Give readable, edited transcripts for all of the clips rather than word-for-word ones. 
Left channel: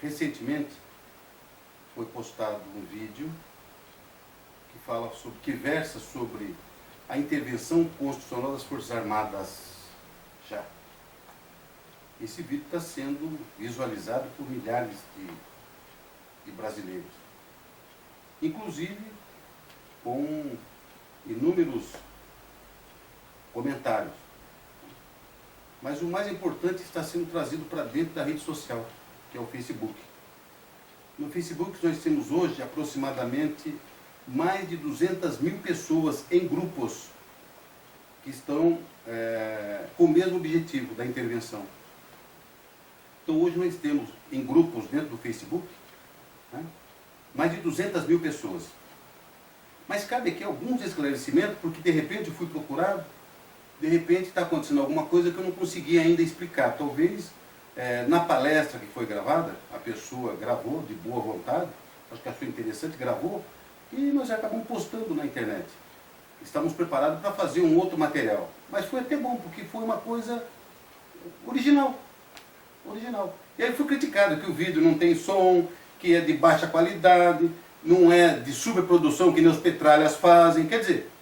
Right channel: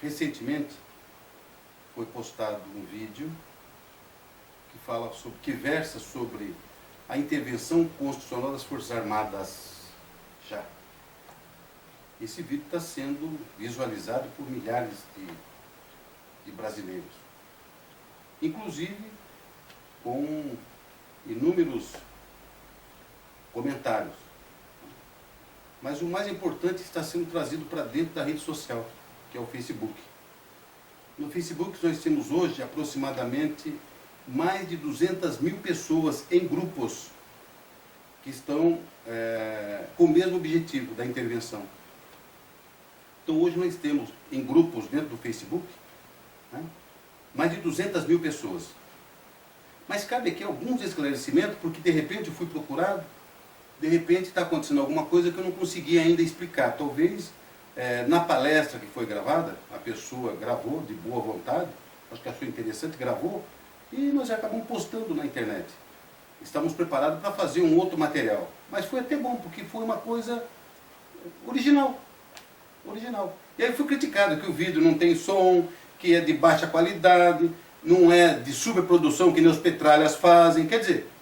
Recentemente foi postado um vídeo que versa sobre a intervenção constitucional das Forças Armadas já. Esse vídeo está sendo visualizado por milhares de brasileiros, inclusive com inúmeros comentários. Mas o mais importante está sendo trazido para dentro da rede social, que é o Facebook. No Facebook nós temos hoje aproximadamente mais de 200 mil pessoas em grupos que estão com o mesmo objetivo da intervenção. Então hoje nós temos em grupos dentro do Facebook, né, mais de 200 mil pessoas. Mas cabe aqui alguns esclarecimentos, porque de repente eu fui procurado, de repente está acontecendo alguma coisa que eu não consegui ainda explicar. Talvez na palestra que foi gravada, a pessoa gravou de boa vontade, acho que achou interessante, gravou, e nós já acabamos postando na internet. Estamos preparados para fazer um outro material. Mas foi até bom, porque foi uma coisa original. E aí foi criticado que o vídeo não tem som, que é de baixa qualidade, não é de superprodução que nem os petralhas fazem. Quer dizer,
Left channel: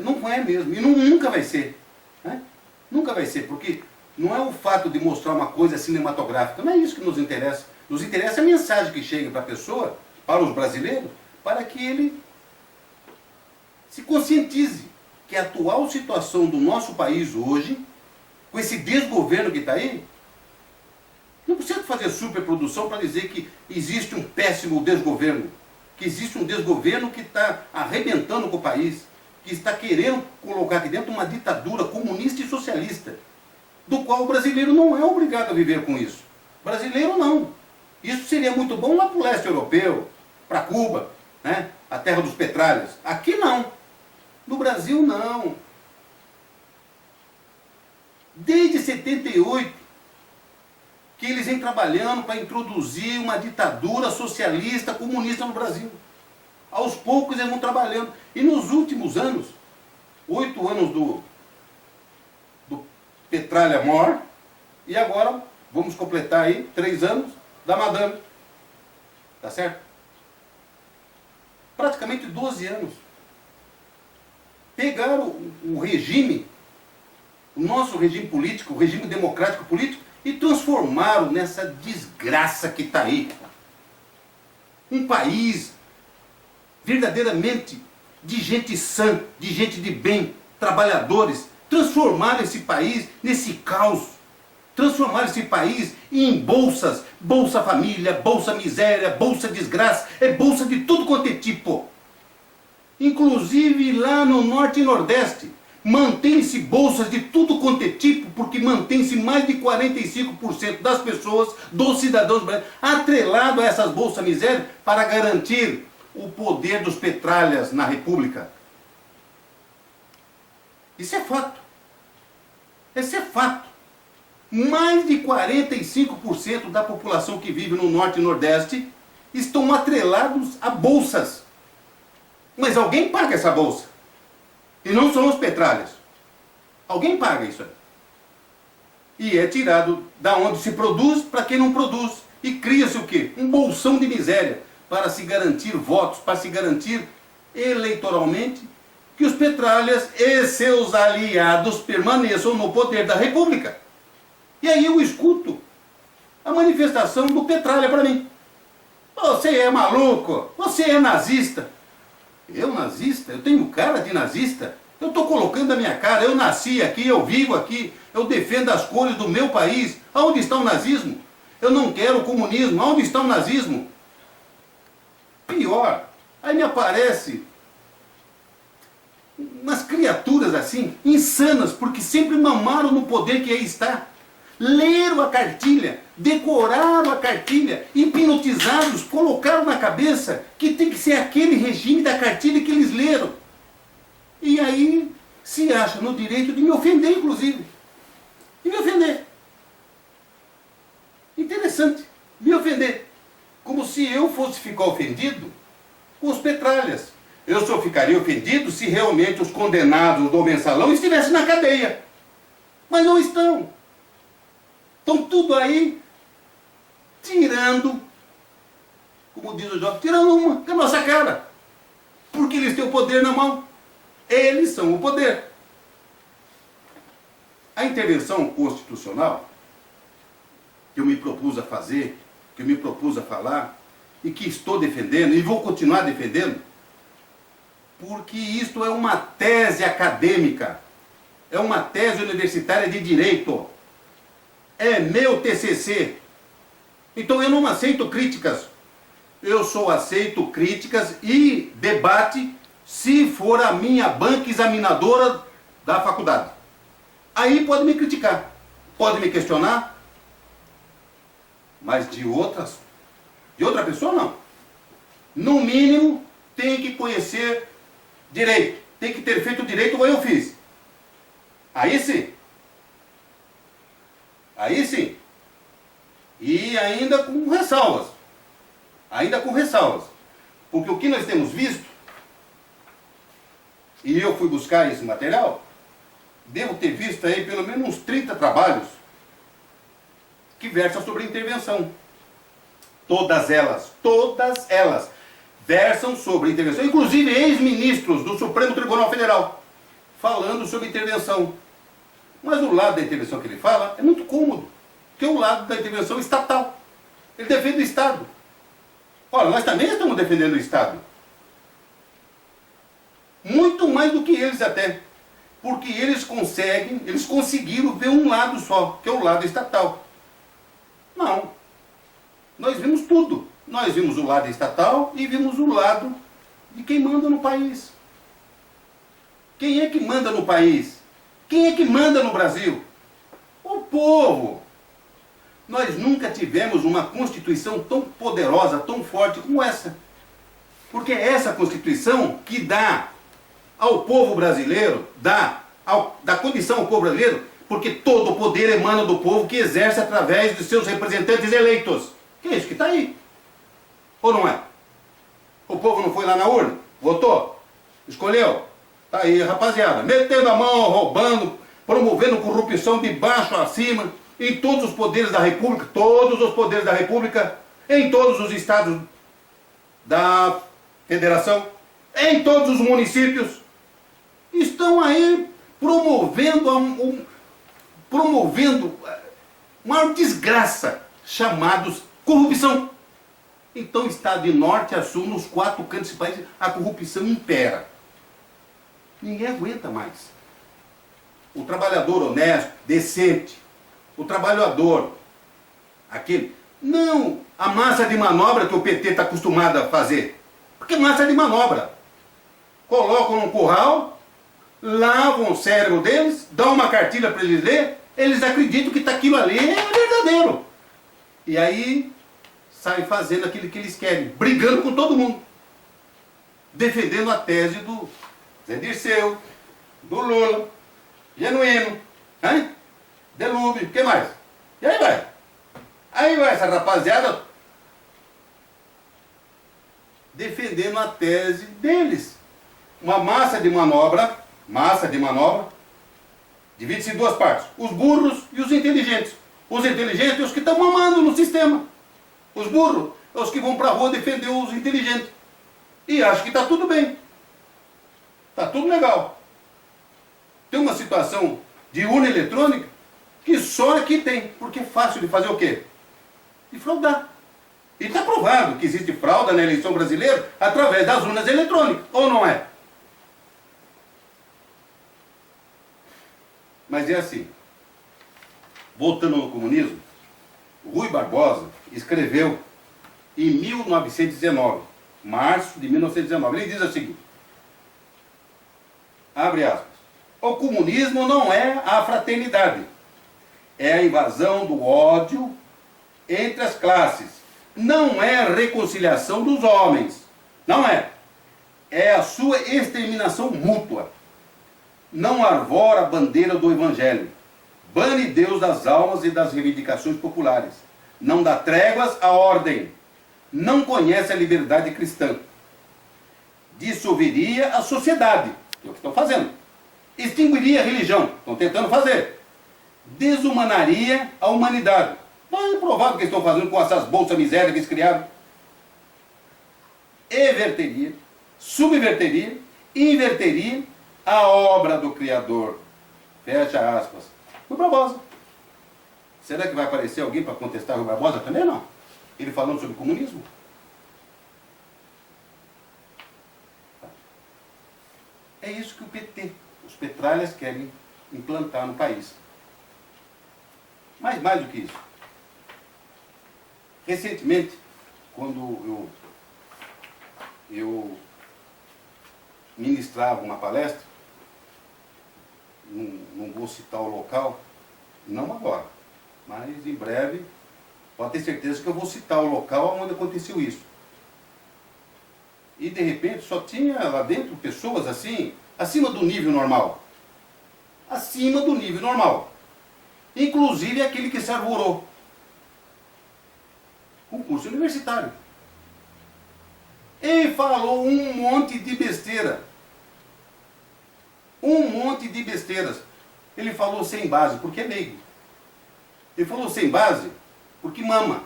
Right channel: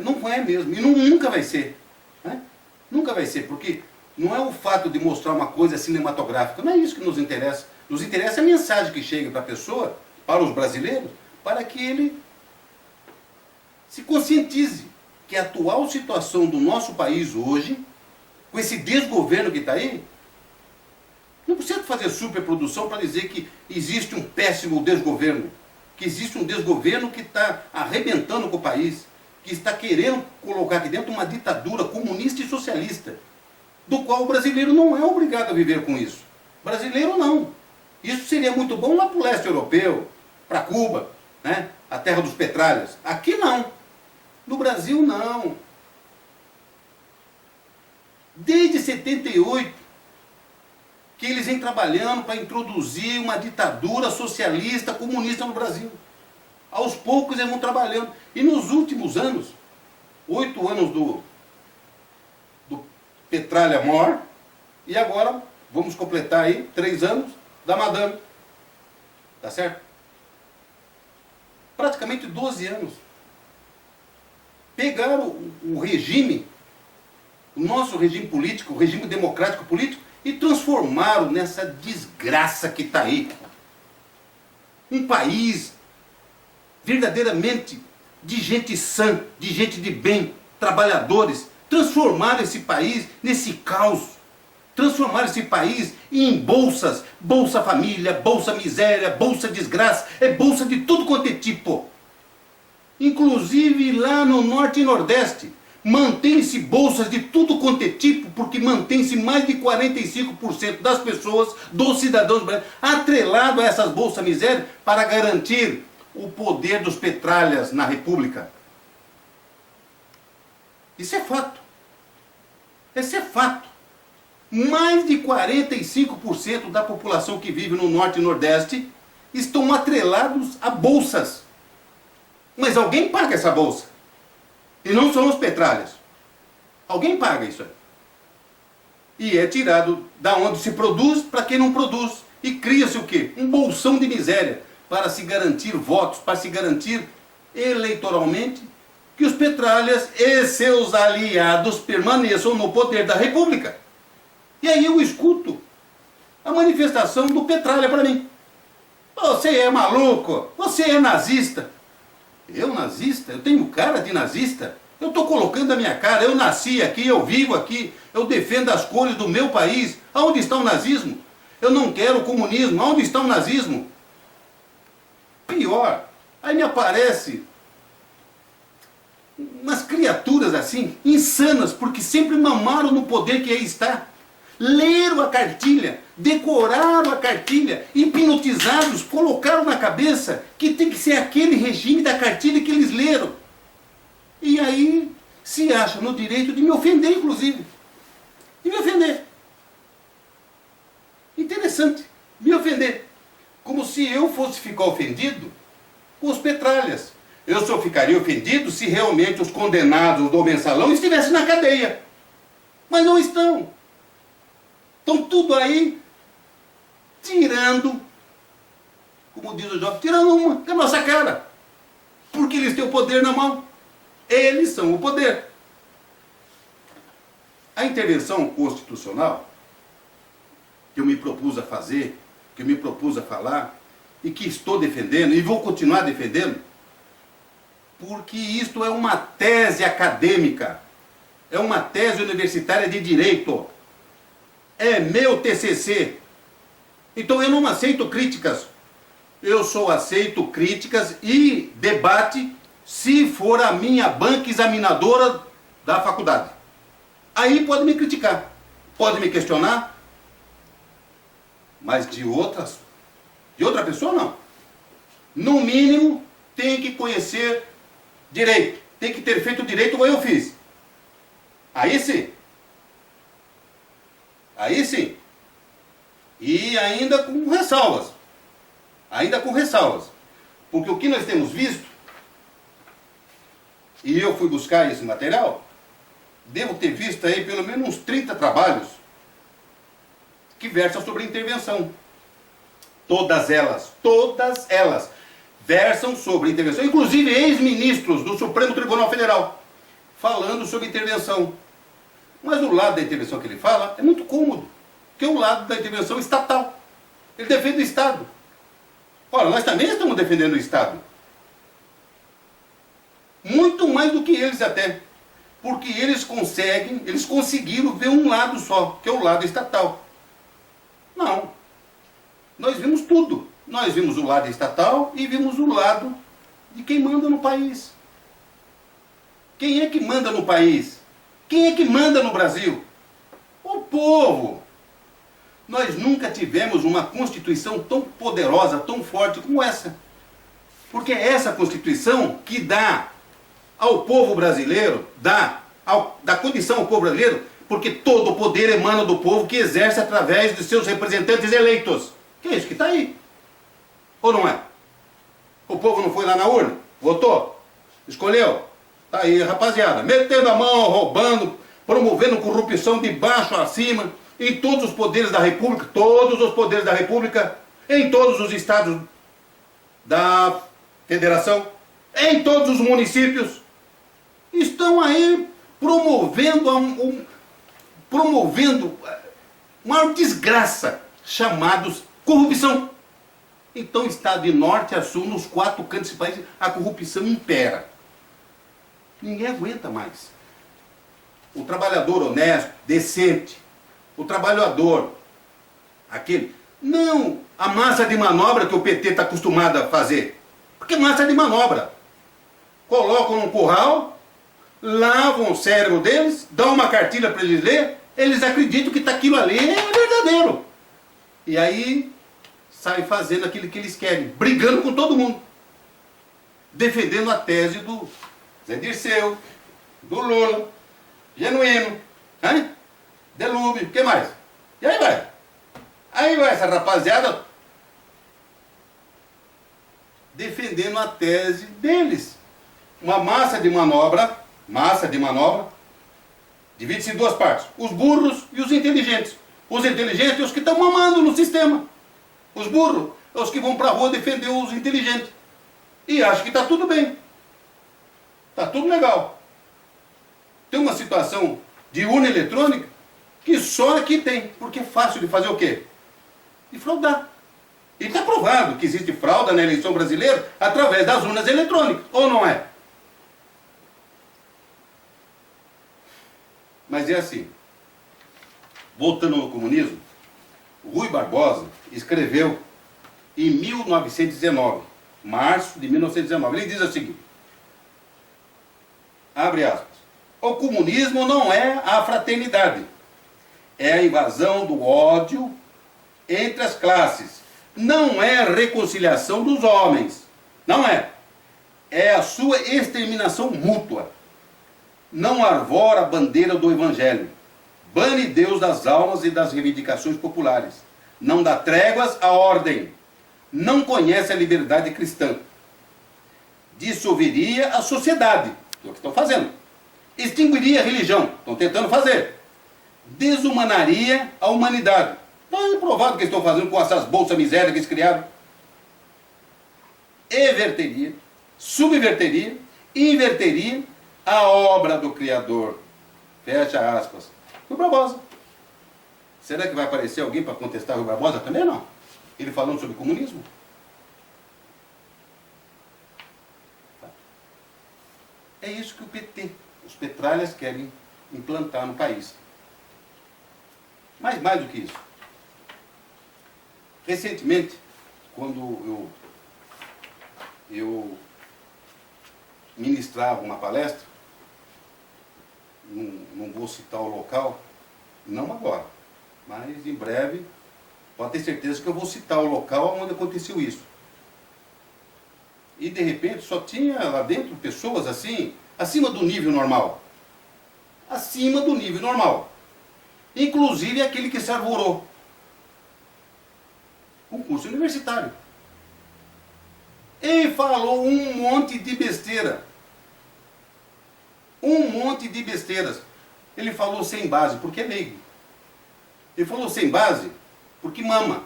não é mesmo, e nunca vai ser. Né? Nunca vai ser, porque não é o fato de mostrar uma coisa cinematográfica, não é isso que nos interessa. Nos interessa a mensagem que chega para a pessoa, para os brasileiros, para que ele se conscientize que a atual situação do nosso país hoje, com esse desgoverno que está aí, não precisa fazer superprodução para dizer que existe um péssimo desgoverno, que existe um desgoverno que está arrebentando com o país, que está querendo colocar aqui dentro uma ditadura comunista e socialista, do qual o brasileiro não é obrigado a viver com isso. Brasileiro não. Isso seria muito bom lá para o leste europeu, para Cuba, né? A terra dos petralhas. Aqui não. No Brasil não. Desde 78, que eles vêm trabalhando para introduzir uma ditadura socialista, comunista no Brasil. Aos poucos eles vão trabalhando. E nos últimos anos, 8 anos do Petralha Mor, e agora vamos completar aí 3 anos da Madame. Tá certo? Praticamente 12 anos. Pegaram o regime, o nosso regime político, o regime democrático político, e transformaram nessa desgraça que está aí. Um país verdadeiramente de gente sã, de gente de bem, trabalhadores, transformaram esse país nesse caos. Transformaram esse país em bolsas, Bolsa Família, Bolsa Miséria, Bolsa Desgraça, bolsa de tudo quanto é tipo. Inclusive lá no Norte e Nordeste, mantém-se bolsas de tudo quanto é tipo, porque mantém-se mais de 45% das pessoas, dos cidadãos brasileiros, atrelado a essas bolsas miséria para garantir o poder dos petralhas na República. Isso é fato. Esse é fato. Mais de 45% da população que vive no Norte e Nordeste estão atrelados a bolsas. Mas alguém paga essa bolsa. E não são os petralhas. Alguém paga isso aí. E é tirado da onde se produz para quem não produz. E cria-se o quê? Um bolsão de miséria para se garantir votos, para se garantir eleitoralmente que os petralhas e seus aliados permaneçam no poder da República. E aí eu escuto a manifestação do Petralha para mim. Você é maluco, você é nazista. Eu nazista? Eu tenho cara de nazista? Eu estou colocando a minha cara, eu nasci aqui, eu vivo aqui, eu defendo as cores do meu país. Aonde está o nazismo? Eu não quero o comunismo, aonde está o nazismo? Pior, aí me aparece umas criaturas assim, insanas, porque sempre mamaram no poder que aí está. Leram a cartilha, decoraram a cartilha, hipnotizados, colocaram na cabeça que tem que ser aquele regime da cartilha que eles leram. E aí se acham no direito de me ofender, inclusive. E me ofender. Interessante, me ofender. Como se eu fosse ficar ofendido com os petralhas. Eu só ficaria ofendido se realmente os condenados do mensalão estivessem na cadeia. Mas não estão. Estão tudo aí tirando como diz o jovem, tirando uma da nossa cara. Porque eles têm o poder na mão. Eles são o poder. A intervenção constitucional que eu me propus a fazer, que eu me propus a falar, e que estou defendendo, e vou continuar defendendo, porque isto é uma tese acadêmica, é uma tese universitária de direito, é meu TCC. Então eu não aceito críticas, eu só aceito críticas e debate se for a minha banca examinadora da faculdade. Aí pode me criticar, pode me questionar, mas de outra pessoa não. No mínimo, tem que conhecer direito, tem que ter feito direito como eu fiz. Aí sim. Aí sim. E ainda com ressalvas. Ainda com ressalvas. Porque o que nós temos visto, e eu fui buscar esse material, devo ter visto aí pelo menos uns 30 trabalhos que versam sobre intervenção. Todas elas versam sobre intervenção, inclusive ex-ministros do Supremo Tribunal Federal, falando sobre intervenção. Mas o lado da intervenção que ele fala é muito cômodo, que é o lado da intervenção estatal. Ele defende o Estado. Ora, nós também estamos defendendo o Estado. Muito mais do que eles até. Porque eles conseguiram ver um lado só, que é o lado estatal. Não. Nós vimos tudo. Nós vimos o lado estatal e vimos o lado de quem manda no país. Quem é que manda no país? Quem é que manda no Brasil? O povo. Nós nunca tivemos uma Constituição tão poderosa, tão forte como essa. Porque é essa Constituição que dá ao povo brasileiro, dá condição ao povo brasileiro, porque todo o poder emana do povo que exerce através de seus representantes eleitos. Que é isso que está aí. Ou não é? O povo não foi lá na urna? Votou? Escolheu? Está aí, rapaziada. Metendo a mão, roubando, promovendo corrupção de baixo a cima, em todos os poderes da República, em todos os estados da federação, em todos os municípios, estão aí promovendo uma desgraça, chamados corrupção. Então está de norte a sul, nos 4 cantos desse país, a corrupção impera. Ninguém aguenta mais. O trabalhador honesto, decente, o trabalhador, aquele, não a massa de manobra que o PT está acostumado a fazer. Porque massa de manobra. Colocam num curral, lavam o cérebro deles, dão uma cartilha para eles ler, eles acreditam que aquilo ali é verdadeiro. E aí saem fazendo aquilo que eles querem, brigando com todo mundo. Defendendo a tese do Zé Dirceu, do Lula, Genuíno, hein? Delúbio, o que mais? E aí vai. Aí vai essa rapaziada defendendo a tese deles. Uma massa de manobra, divide-se em 2 partes. Os burros e os inteligentes. Os inteligentes é os que estão mamando no sistema. Os burros é os que vão para a rua defender os inteligentes. E acham que está tudo bem. Está tudo legal. Tem uma situação de urna eletrônica que só aqui tem. Porque é fácil de fazer o quê? De fraudar. E está provado que existe fraude na eleição brasileira através das urnas eletrônicas. Ou não é? Mas é assim. Voltando ao comunismo, Rui Barbosa escreveu em 1919, março de 1919, ele diz o seguinte, abre aspas, o comunismo não é a fraternidade, é a invasão do ódio entre as classes, não é a reconciliação dos homens, não é, é a sua exterminação mútua, não arvora a bandeira do evangelho, bane Deus das almas e das reivindicações populares, não dá tréguas à ordem, não conhece a liberdade cristã, dissolveria a sociedade, que é o que estão fazendo, extinguiria a religião, estão tentando fazer, desumanaria a humanidade, não é provado que eles estão fazendo com essas bolsas misérias que eles criaram, everteria, subverteria, inverteria a obra do Criador. Fecha aspas. Rui Barbosa. Será que vai aparecer alguém para contestar Rui Barbosa também? Não. Ele falando sobre comunismo. É isso que o PT, os petralhas, querem implantar no país. Mas mais do que isso. Recentemente, quando eu ministrava uma palestra, não vou citar o local, não agora, mas em breve, pode ter certeza que eu vou citar o local onde aconteceu isso. E de repente só tinha lá dentro pessoas assim, acima do nível normal. Acima do nível normal. Inclusive aquele que se arvorou. Concurso universitário. E falou um monte de besteira. Um monte de besteiras. Ele falou sem base, porque é leigo. Ele falou sem base, porque mama.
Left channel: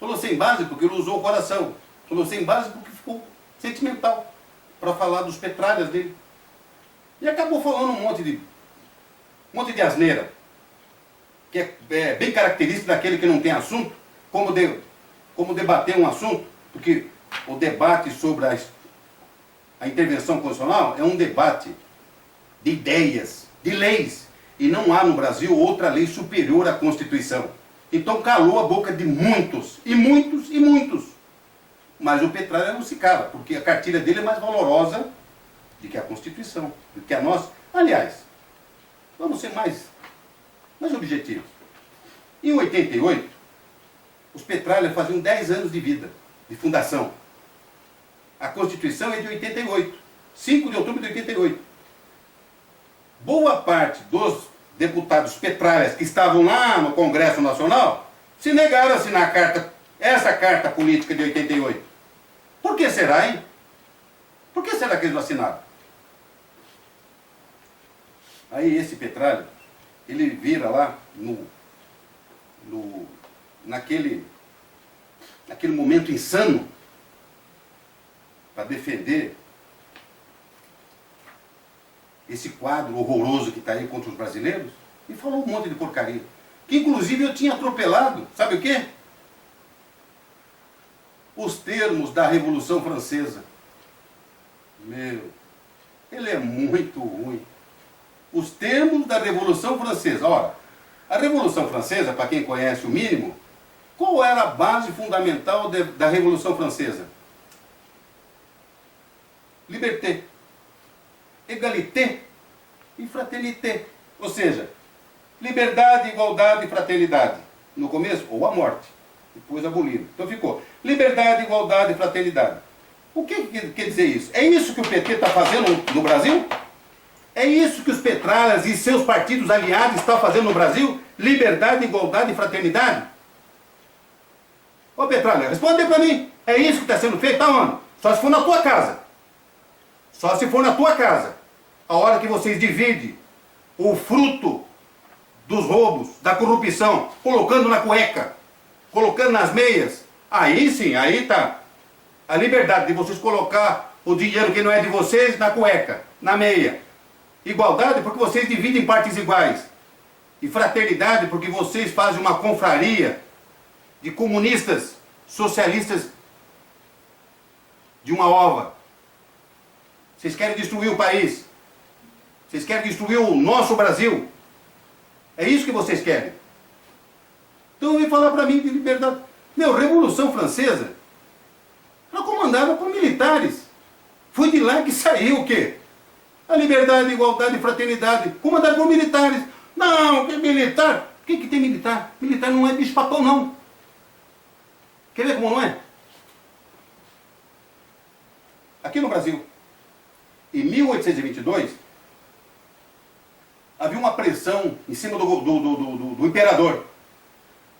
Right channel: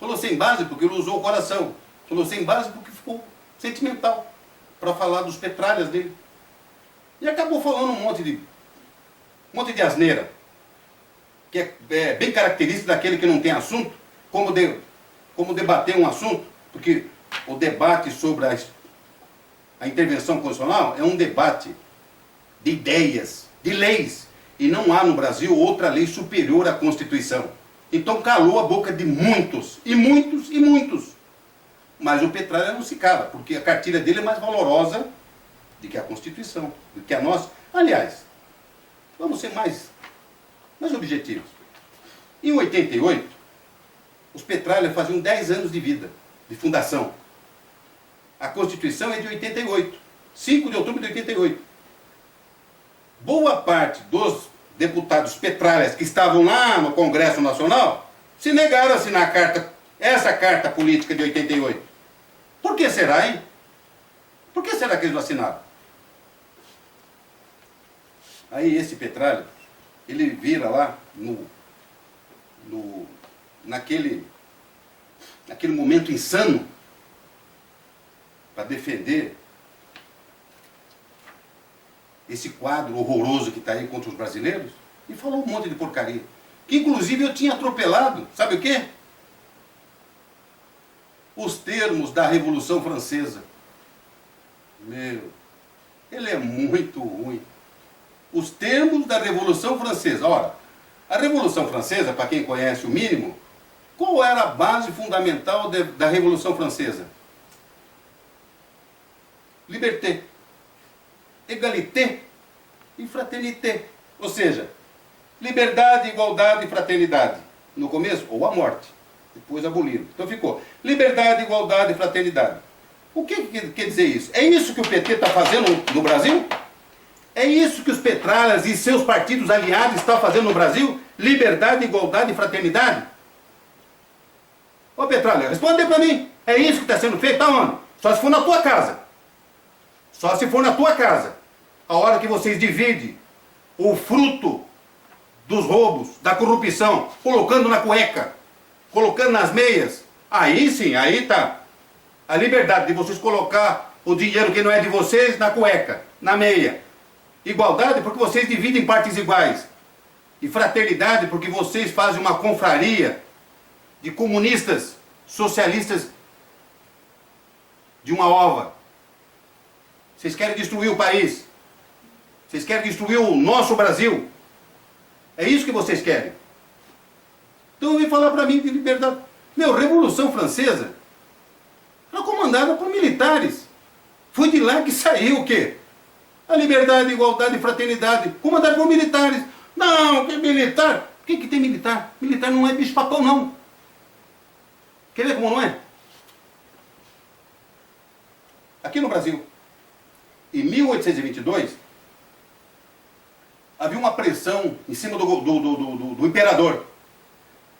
Falou sem base, porque ele usou o coração. Falou sem base, porque ficou sentimental. Para falar dos petralhas dele. E acabou falando um monte de asneira. Que é bem característico daquele que não tem assunto. Como debater um assunto. Porque o debate sobre a intervenção constitucional é um debate de ideias, de leis. E não há no Brasil outra lei superior à Constituição. Então calou a boca de muitos, e muitos, e muitos. Mas o Petralha não se cala, porque a cartilha dele é mais valorosa do que a Constituição, do que a nossa. Aliás, vamos ser mais objetivos. Em 88, os Petralha faziam 10 anos de vida, de fundação. A Constituição é de 88, 5 de outubro de 88. Boa parte dos deputados petralhas que estavam lá no Congresso Nacional se negaram a assinar essa carta política de 88. Por que será, hein? Por que será que eles não assinaram? Aí esse Petralha, ele vira lá naquele momento insano para defender esse quadro horroroso que está aí contra os brasileiros, e falou um monte de porcaria. Que inclusive eu tinha atropelado, sabe o quê? Os termos da Revolução Francesa. Meu, ele é muito ruim. Os termos da Revolução Francesa. Ora, a Revolução Francesa, para quem conhece o mínimo, qual era a base fundamental da Revolução Francesa? Liberté, égalité e fraternité. Ou seja, liberdade, igualdade e fraternidade. No começo, ou a morte. Depois aboliram. Então ficou liberdade, igualdade e fraternidade. O que quer dizer isso? É isso que o PT está fazendo no Brasil? É isso que os petralhas e seus partidos aliados estão fazendo no Brasil? Liberdade, igualdade e fraternidade? Ô Petralha, responde para mim. É isso que está sendo feito? Aonde? Só se for na tua casa. Só se for na tua casa. A hora que vocês dividem o fruto dos roubos, da corrupção, colocando na cueca, colocando nas meias, aí sim, aí tá a liberdade de vocês colocar o dinheiro que não é de vocês na cueca, na meia. Igualdade porque vocês dividem em partes iguais. E fraternidade porque vocês fazem uma confraria de comunistas, socialistas de uma ova. Vocês querem destruir o país. Vocês querem destruir o nosso Brasil. É isso que vocês querem. Então vem falar para mim de liberdade. Meu, Revolução Francesa era comandada por militares. Foi de lá que saiu o quê? A liberdade, igualdade e fraternidade. Comandada por militares. Não, que militar? O que tem militar? Militar não é bicho-papão, não. Quer ver como não é? Aqui no Brasil, em 1822, havia uma pressão em cima do imperador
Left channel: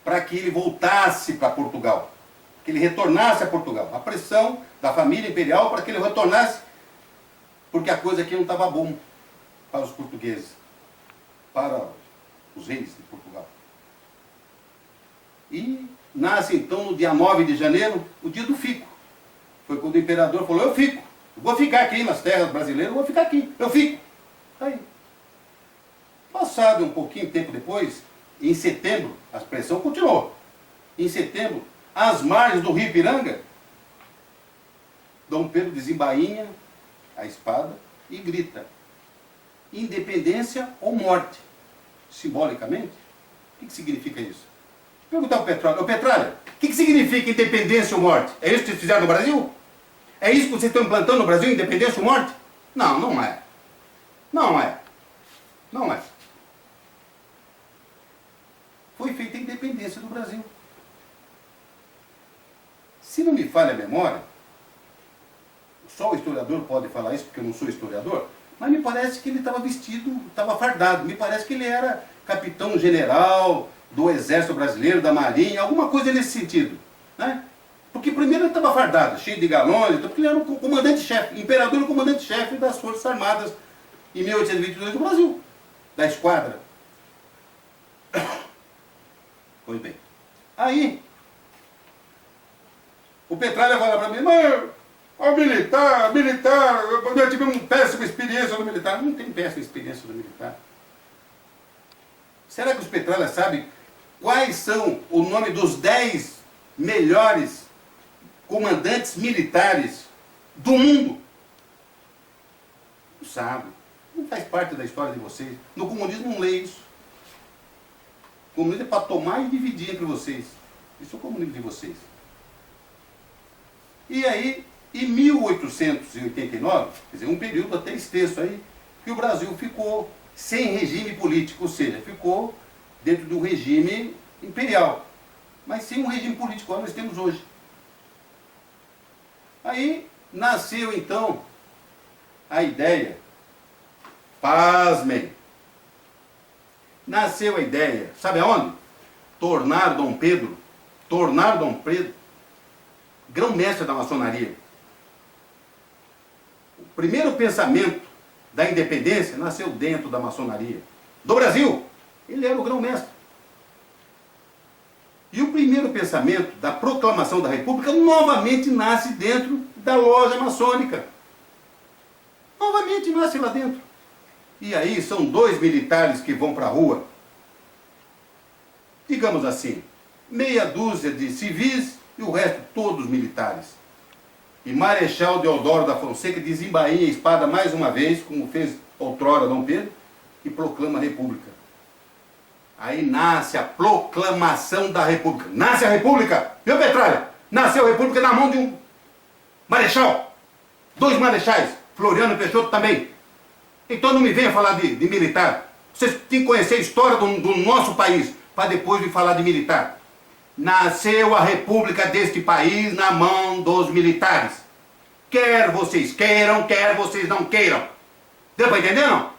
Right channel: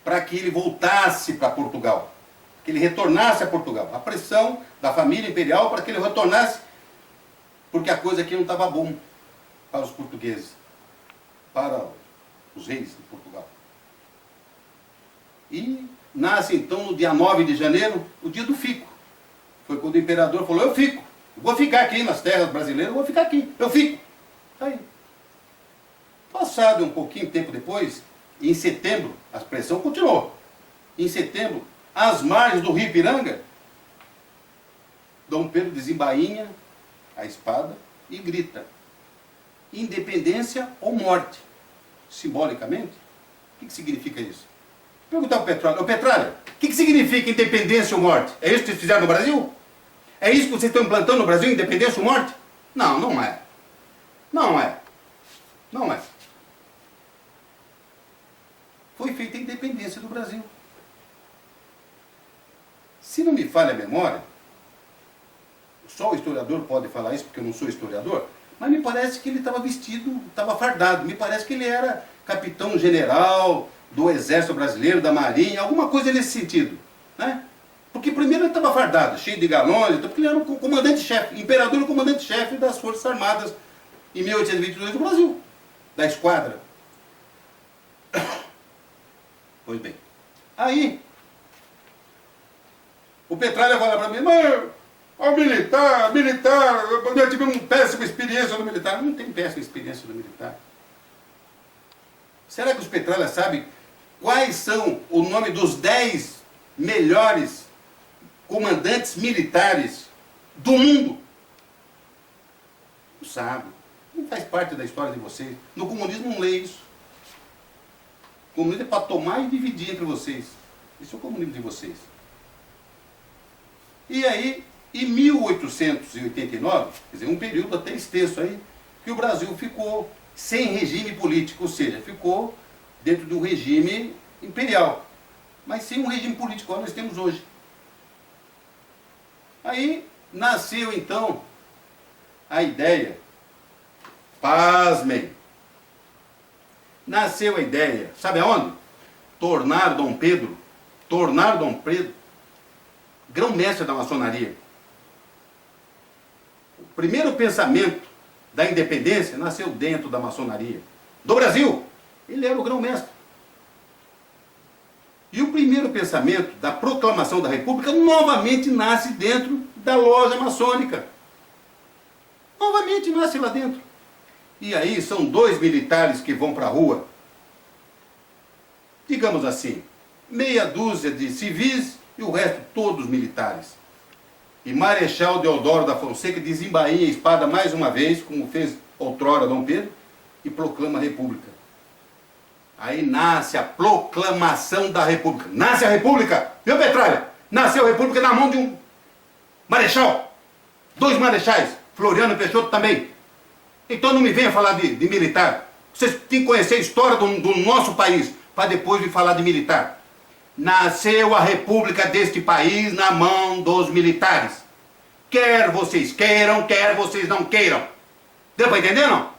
para que ele voltasse para Portugal, que ele retornasse a Portugal. A pressão da família imperial para que ele retornasse, porque a coisa aqui não estava bom para os portugueses, para os reis de Portugal. E nasce então no dia 9 de janeiro, o dia do fico. Foi quando o imperador falou, eu fico. Eu vou ficar aqui nas terras brasileiras, eu vou ficar aqui. Eu fico. Aí. Passado um pouquinho tempo depois, em setembro, a pressão continuou. Em setembro, às margens do rio Ipiranga, Dom Pedro desembainha a espada e grita, independência ou morte. Simbolicamente, o que significa isso? Perguntar ao Petralha, ô Petralha, o que significa independência ou morte? É isso que vocês fizeram no Brasil? É isso que vocês estão implantando no Brasil, independência ou morte? Não, não é. Não é. Não é. Foi feita a independência do Brasil. Se não me falha a memória, só o historiador pode falar isso, porque eu não sou historiador, mas me parece que ele estava vestido, estava fardado, me parece que ele era capitão-general do Exército Brasileiro, da Marinha, alguma coisa nesse sentido, né? Porque primeiro ele estava fardado, cheio de galões, porque ele era o comandante-chefe, imperador e comandante-chefe das Forças Armadas em 1822 do Brasil, da esquadra. Pois bem, aí o Petralha fala para mim, mas o militar, eu tive uma péssima experiência no militar. Não tem péssima experiência no militar. Será que os Petralha sabem quais são o nome dos 10 melhores comandantes militares do mundo? Não sabe. Não faz parte da história de vocês. No comunismo não lê isso. O comunismo é para tomar e dividir entre vocês. Esse é o comunismo de vocês. E aí, em 1889, quer dizer, um período até extenso aí, que o Brasil ficou sem regime político, ou seja, ficou dentro de um regime imperial, mas sem um regime político como nós temos hoje. Aí nasceu então a ideia, pasmem, nasceu a ideia, sabe aonde? Tornar Dom Pedro grão-mestre da maçonaria. O primeiro pensamento da independência nasceu dentro da maçonaria. Do Brasil, ele era o grão-mestre. E o primeiro pensamento da proclamação da República novamente nasce dentro da loja maçônica. Novamente nasce lá dentro. E aí são 2 militares que vão para a rua. Digamos assim, meia dúzia de civis e o resto todos militares. E Marechal Deodoro da Fonseca desembainha a espada mais uma vez, como fez outrora Dom Pedro, e proclama a República. Aí nasce a proclamação da República. Nasce a República, viu, Petralha? Nasceu a República na mão de um marechal. 2 marechais, Floriano Peixoto também. Então não me venha falar de militar. Vocês têm que conhecer a história do nosso país, para depois me falar de militar. Nasceu a República deste país na mão dos militares. Quer vocês queiram, quer vocês não queiram. Deu para entender, não?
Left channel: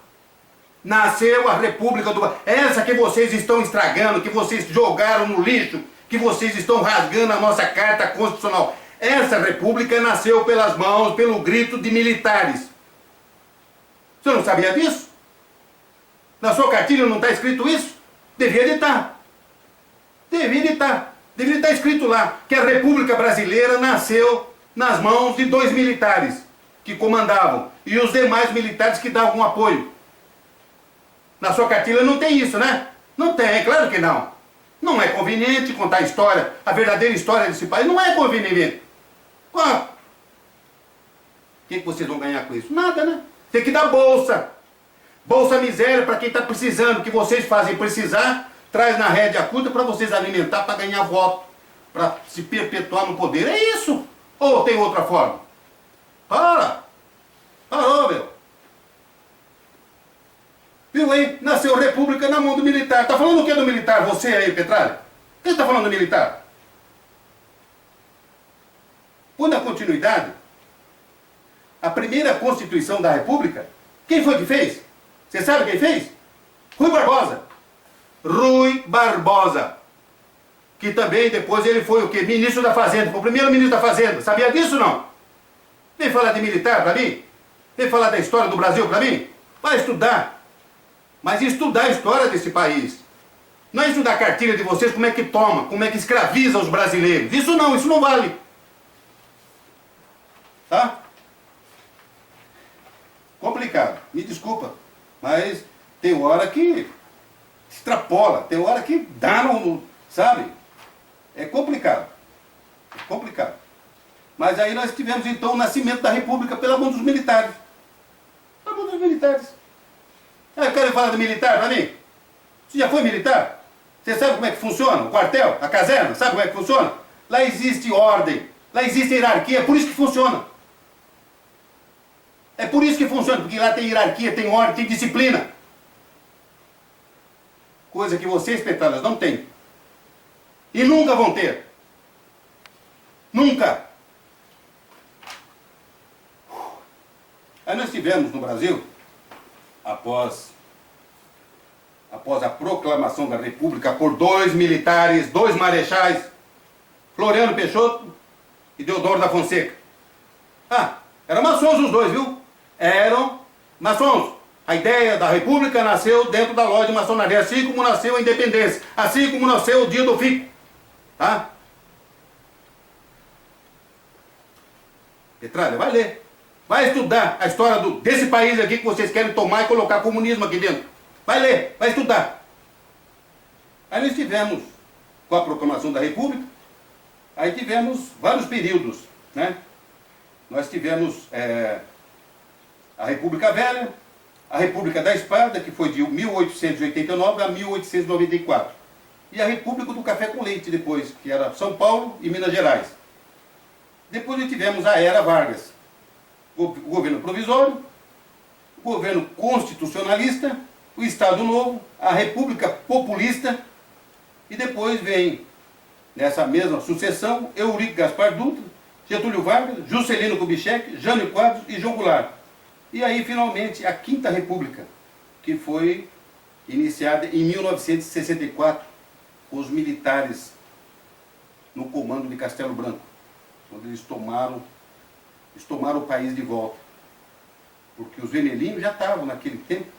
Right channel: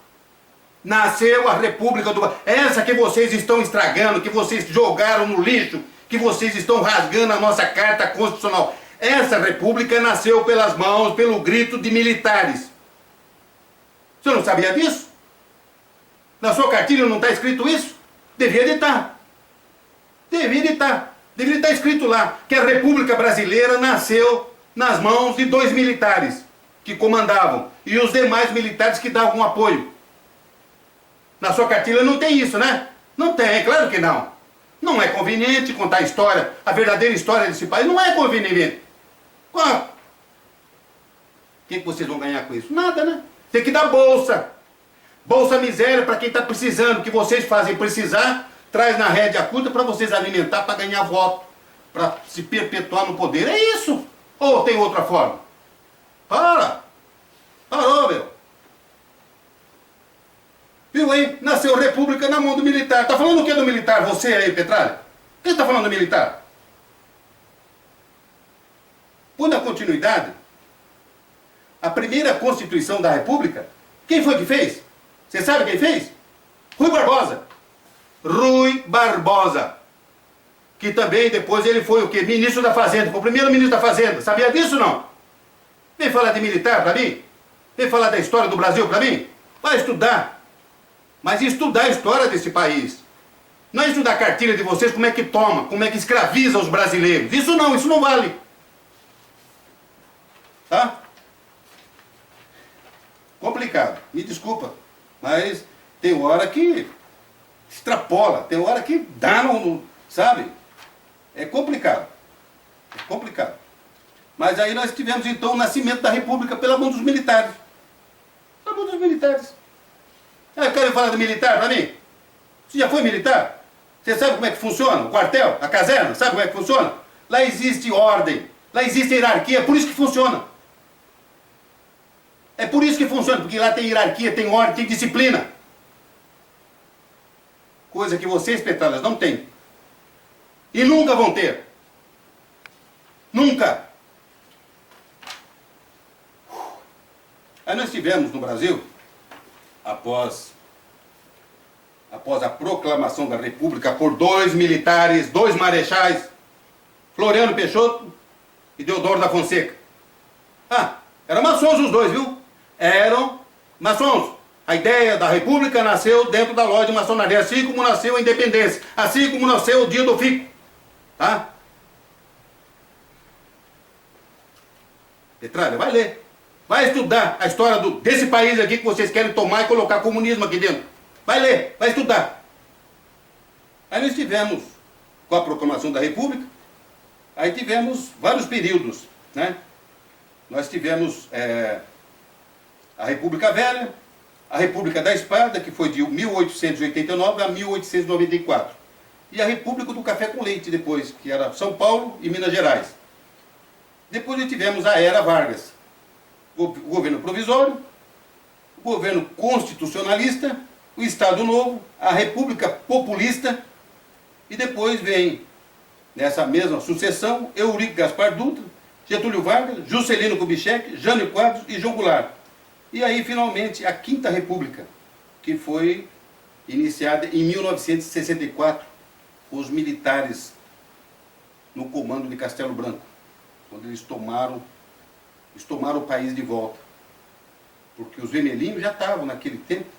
Nasceu a República do... Essa que vocês estão estragando, que vocês jogaram no lixo, que vocês estão rasgando a nossa Carta Constitucional. Essa República nasceu pelas mãos, pelo grito de militares. Você não sabia disso? Na sua cartilha não está escrito isso? Devia de estar. Deveria estar escrito lá que a República Brasileira nasceu nas mãos de 2 militares que comandavam e os demais militares que davam apoio. Na sua cartilha não tem isso, né? Não tem, claro que não. Não é conveniente contar a história, a verdadeira história desse país. Não é conveniente. Qual? O que vocês vão ganhar com isso? Nada, né? Tem que dar bolsa. Bolsa miséria para quem está precisando, que vocês fazem precisar. Traz na rédea curta para vocês alimentar, para ganhar voto, para se perpetuar no poder. É isso. Ou tem outra forma? Parou, meu. Viu aí? Nasceu República na mão do militar. Tá falando o que do militar? Você aí, Petralha? Quem está falando do militar? Por na continuidade, a primeira Constituição da República, quem foi que fez? Você sabe quem fez? Rui Barbosa. Rui Barbosa, que também depois ele foi o quê? Ministro da Fazenda, foi o primeiro ministro da Fazenda. Sabia disso ou não? Vem falar de militar para mim? Vem falar da história do Brasil para mim? Vai estudar. Mas estudar a história desse país. Não é estudar a cartilha de vocês, como é que toma, como é que escraviza os brasileiros. Isso não vale. Tá? Complicado. Me desculpa, mas tem hora que extrapola, tem hora que dá sabe? É complicado. É complicado. Mas aí nós tivemos então o nascimento da República pela mão dos militares. Pela mão dos militares. Ah, eu quero falar do militar para mim? Você já foi militar? Você sabe como é que funciona? O quartel, a caserna, sabe como é que funciona? Lá existe ordem, lá existe hierarquia, é por isso que funciona. É por isso que funciona, porque lá tem hierarquia, tem ordem, tem disciplina. Coisa que vocês, petralas, não têm. E nunca vão ter. Nunca. Aí nós tivemos no Brasil, após a proclamação da República por dois militares, dois marechais, Floriano Peixoto e Deodoro da Fonseca. Ah, eram maçons os dois, viu? Eram maçons. A ideia da República nasceu dentro da loja de maçonaria, assim como nasceu a independência, assim como nasceu o dia do fico. Tá? Petralha, vai ler. Vai estudar a história desse país aqui que vocês querem tomar e colocar comunismo aqui dentro. Vai ler, vai estudar. Aí nós tivemos, com a proclamação da República, aí tivemos vários períodos, né? Nós tivemos a República Velha, a República da Espada, que foi de 1889 a 1894. E a República do Café com Leite depois, que era São Paulo e Minas Gerais. Depois nós tivemos a Era Vargas, o governo provisório, o governo constitucionalista, o Estado Novo, a República Populista, e depois vem, nessa mesma sucessão, Eurico Gaspar Dutra, Getúlio Vargas, Juscelino Kubitschek, Jânio Quadros e João Goulart. E aí, finalmente, a Quinta República, que foi iniciada em 1964, com os militares no comando de Castelo Branco, quando eles tomaram o país de volta. Porque os vermelhinhos já estavam, naquele tempo,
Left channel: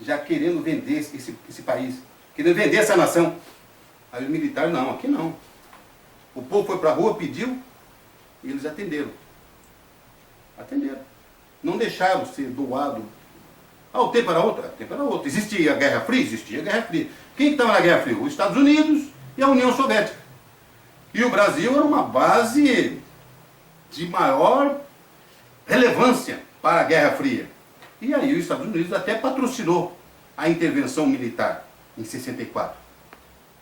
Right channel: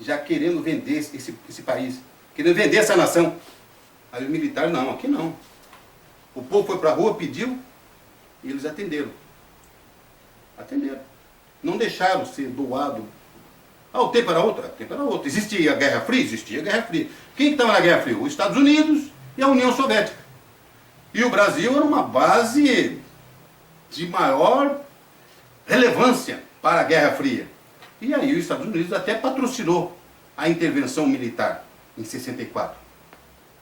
já querendo vender esse país, querendo vender essa nação. Aí os militares, não, aqui não. O povo foi para a rua, pediu, e eles atenderam. Atenderam. Não deixaram ser doado. Ah, o tempo era outro? O tempo era outro. Existia a Guerra Fria? Existia a Guerra Fria. Quem estava na Guerra Fria? Os Estados Unidos e a União Soviética. E o Brasil era uma base de maior relevância para a Guerra Fria. E aí os Estados Unidos até patrocinou a intervenção militar em 64.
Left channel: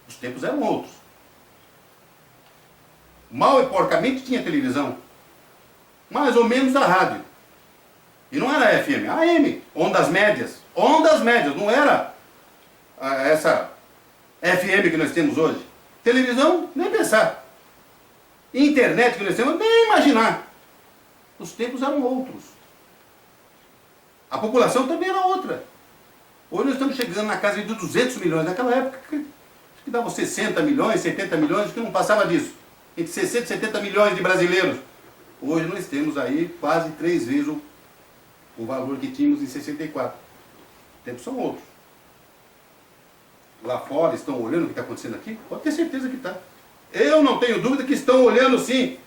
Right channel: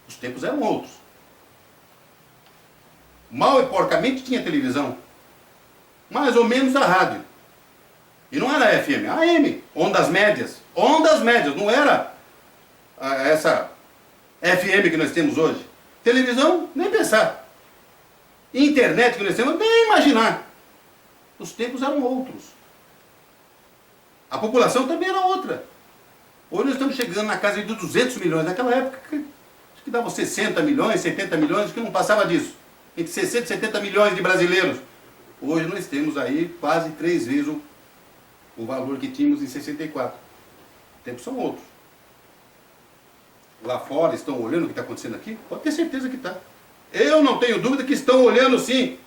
Os tempos eram outros. Mal e porcamente tinha televisão. Mais ou menos a rádio. E não era FM, AM, ondas médias. Ondas médias, não era essa FM que nós temos hoje. Televisão, nem pensar. Internet que nós temos, nem imaginar. Os tempos eram outros. A população também era outra. Hoje nós estamos chegando na casa de 200 milhões. Naquela época, acho que dava 60 milhões, 70 milhões, que não passava disso. Entre 60 e 70 milhões de brasileiros. Hoje nós temos aí quase 3 vezes o valor que tínhamos em 64. Os tempos são outros. Lá fora estão olhando o que está acontecendo aqui? Pode ter certeza que está. Eu não tenho dúvida que estão olhando sim.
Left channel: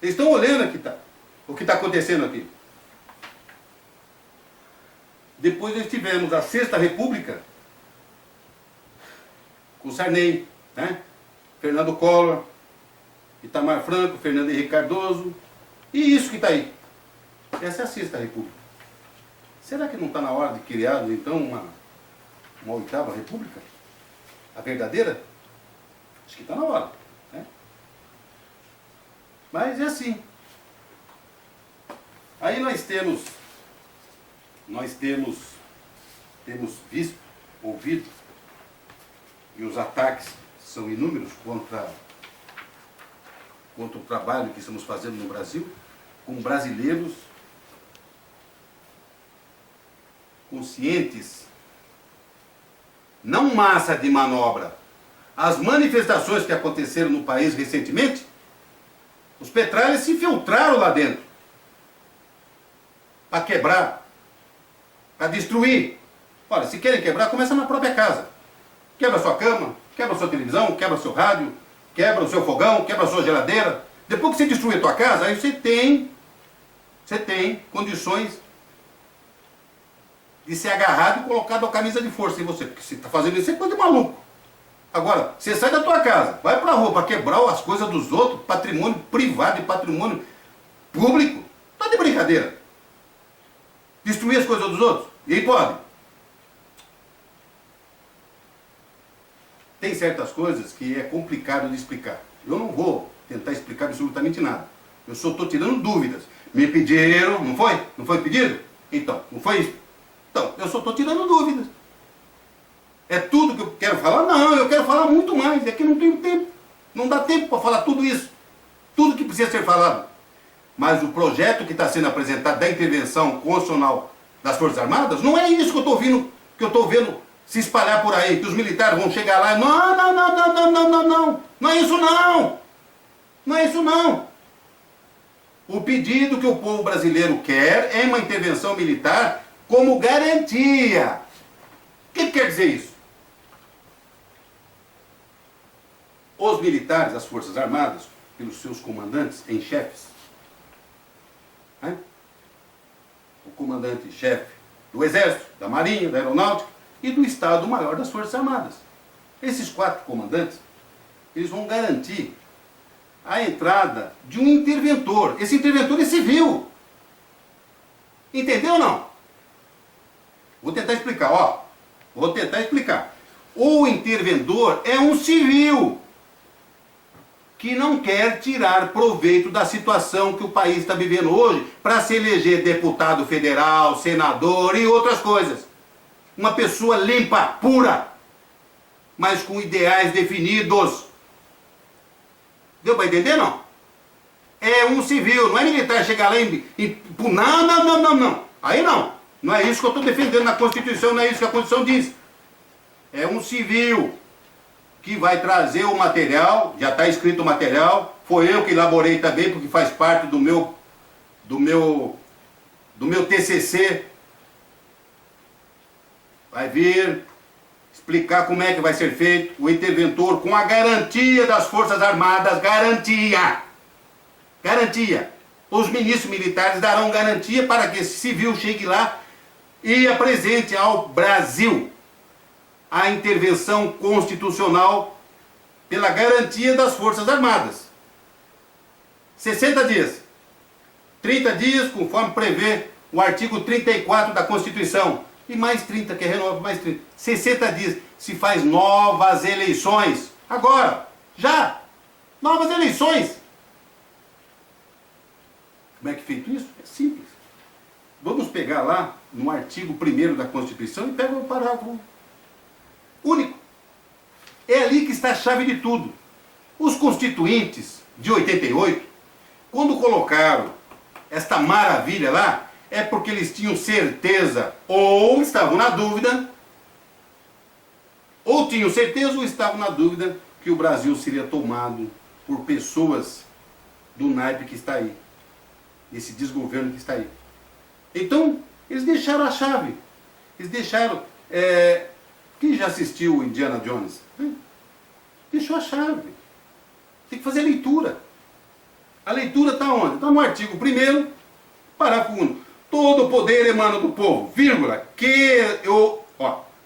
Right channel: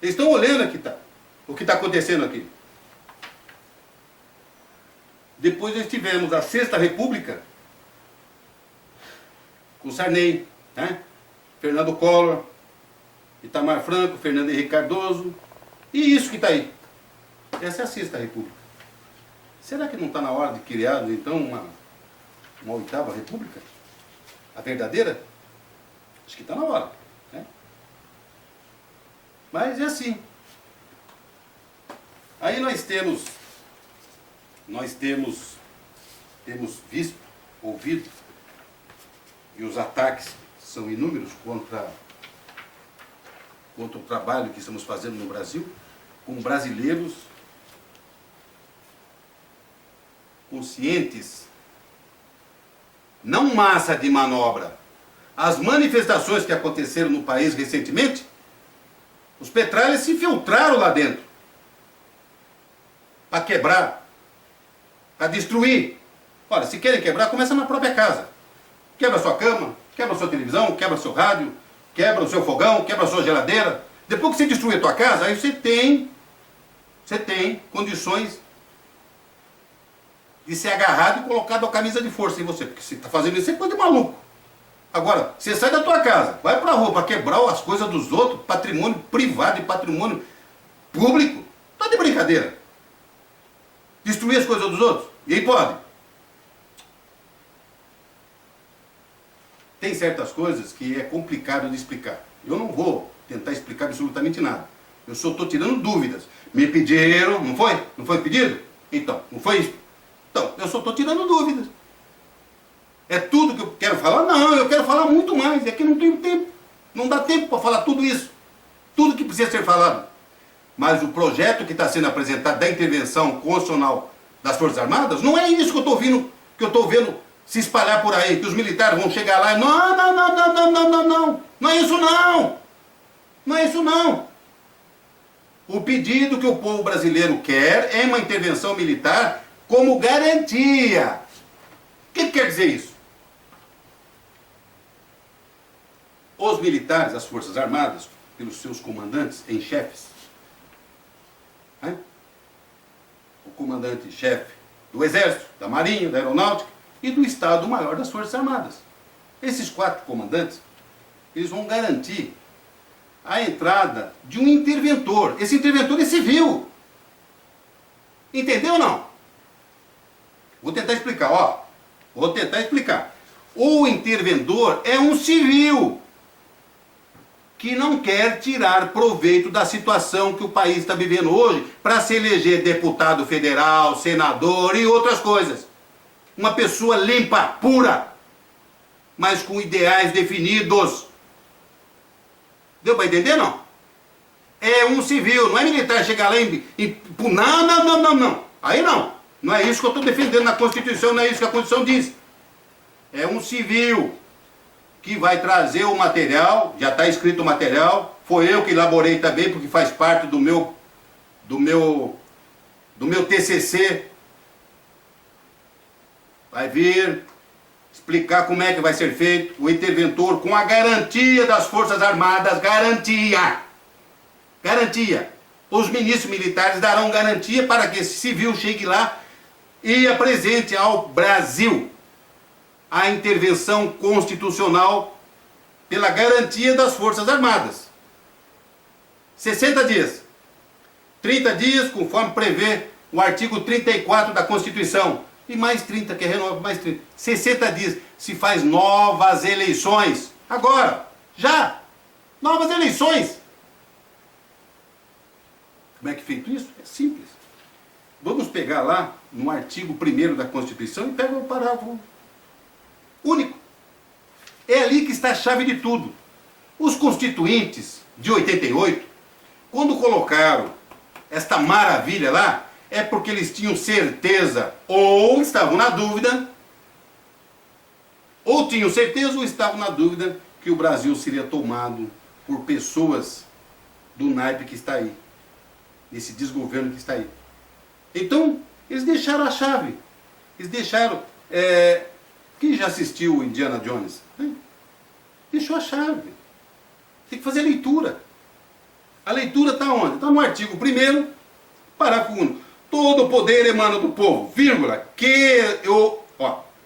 Eles estão olhando o que está acontecendo aqui. Depois nós tivemos a Sexta República, com Sarney, né? Fernando Collor, Itamar Franco, Fernando Henrique Cardoso, e isso que está aí. Essa é a Sexta República. Será que não está na hora de criar, então, uma oitava república? A verdadeira? Acho que está na hora, né? Mas é assim. Aí nós temos visto, ouvido, e os ataques são inúmeros contra o trabalho que estamos fazendo no Brasil, com brasileiros conscientes, não massa de manobra. As manifestações que aconteceram no país recentemente, os petralhas se infiltraram lá dentro para quebrar, para destruir. Olha, se querem quebrar, começa na própria casa. Quebra a sua cama, quebra a sua televisão, quebra o seu rádio, quebra o seu fogão, quebra a sua geladeira, Depois que você destruir a tua casa, aí você tem condições de ser agarrado e colocado a camisa de força em você. Porque você está fazendo isso, você é coisa de maluco. Agora, você sai da tua casa, vai pra rua para quebrar as coisas dos outros, patrimônio privado e patrimônio público. Tá de brincadeira. Destruir as coisas dos outros. E aí pode. Tem certas coisas que é complicado de explicar. Eu não vou tentar explicar absolutamente nada. Eu só estou tirando dúvidas. Me pediram, não foi? Não foi pedido? Então, não foi isso? Então, eu só estou tirando dúvidas. É tudo que eu quero falar? Não, eu quero falar muito mais. É que não tenho tempo. Não dá tempo para falar tudo isso. Tudo que precisa ser falado. Mas o projeto que está sendo apresentado da intervenção constitucional das Forças Armadas, não é isso que eu estou vendo se espalhar por aí, que os militares vão chegar lá e não. Não é isso não. Não é isso não. O pedido que o povo brasileiro quer é uma intervenção militar como garantia. O que quer dizer isso? Os militares, as Forças Armadas, pelos seus comandantes em chefes, né? O comandante-chefe do Exército, da Marinha, da Aeronáutica e do Estado-Maior das Forças Armadas. Esses 4 comandantes, eles vão garantir a entrada de um interventor. Esse interventor é civil. Entendeu ou não? Vou tentar explicar, ó. Vou tentar explicar. O interventor é um civil que não quer tirar proveito da situação que o país está vivendo hoje para se eleger deputado federal, senador e outras coisas. Uma pessoa limpa, pura, mas com ideais definidos. Deu para entender, não? É um civil, não é militar chegar lá e não. Aí não. Não é isso que eu estou defendendo na Constituição, não é isso que a Constituição diz. É um civil que vai trazer o material, já está escrito o material, foi eu que elaborei também, porque faz parte do meu TCC. Vai vir explicar como é que vai ser feito o interventor com a garantia das Forças Armadas, garantia. Os ministros militares darão garantia para que esse civil chegue lá e apresente ao Brasil a intervenção constitucional pela garantia das Forças Armadas. 60 dias. 30 dias, conforme prevê o artigo 34 da Constituição. E mais 30, que renova mais 30. 60 dias. Se faz novas eleições. Agora. Já. Novas eleições. Como é que é feito isso? É simples. Vamos pegar lá no artigo 1º da Constituição e pega o parágrafo único. É ali que está a chave de tudo. Os constituintes de 88, quando colocaram esta maravilha lá, é porque eles tinham certeza, ou estavam na dúvida, ou tinham certeza ou estavam na dúvida que o Brasil seria tomado por pessoas do naipe que está aí, desse desgoverno que está aí. Então, eles deixaram a chave. Eles deixaram... Quem já assistiu o Indiana Jones? Deixou a chave. Tem que fazer a leitura. A leitura está onde? Está no artigo 1º, parágrafo único. Todo poder emana do povo, vírgula,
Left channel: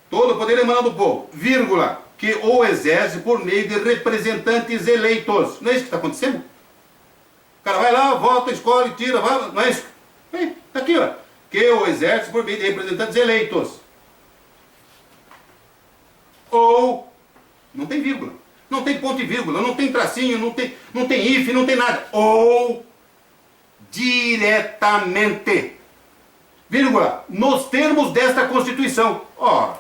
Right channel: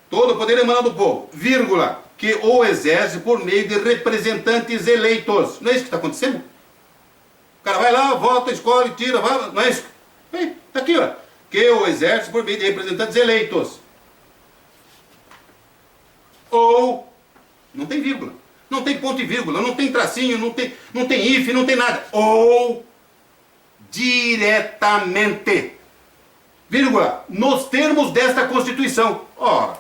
todo poder emana do povo, vírgula, que o exerce por meio de representantes eleitos. Não é isso que está acontecendo? O cara vai lá, vota, escolhe, tira, vai, não é isso? Está aqui, ó. Que o exerce por meio de representantes eleitos. Ou, não tem vírgula, não tem ponto e vírgula, não tem tracinho, não tem if, não tem nada. Ou diretamente, vírgula, nos termos desta Constituição. Ora,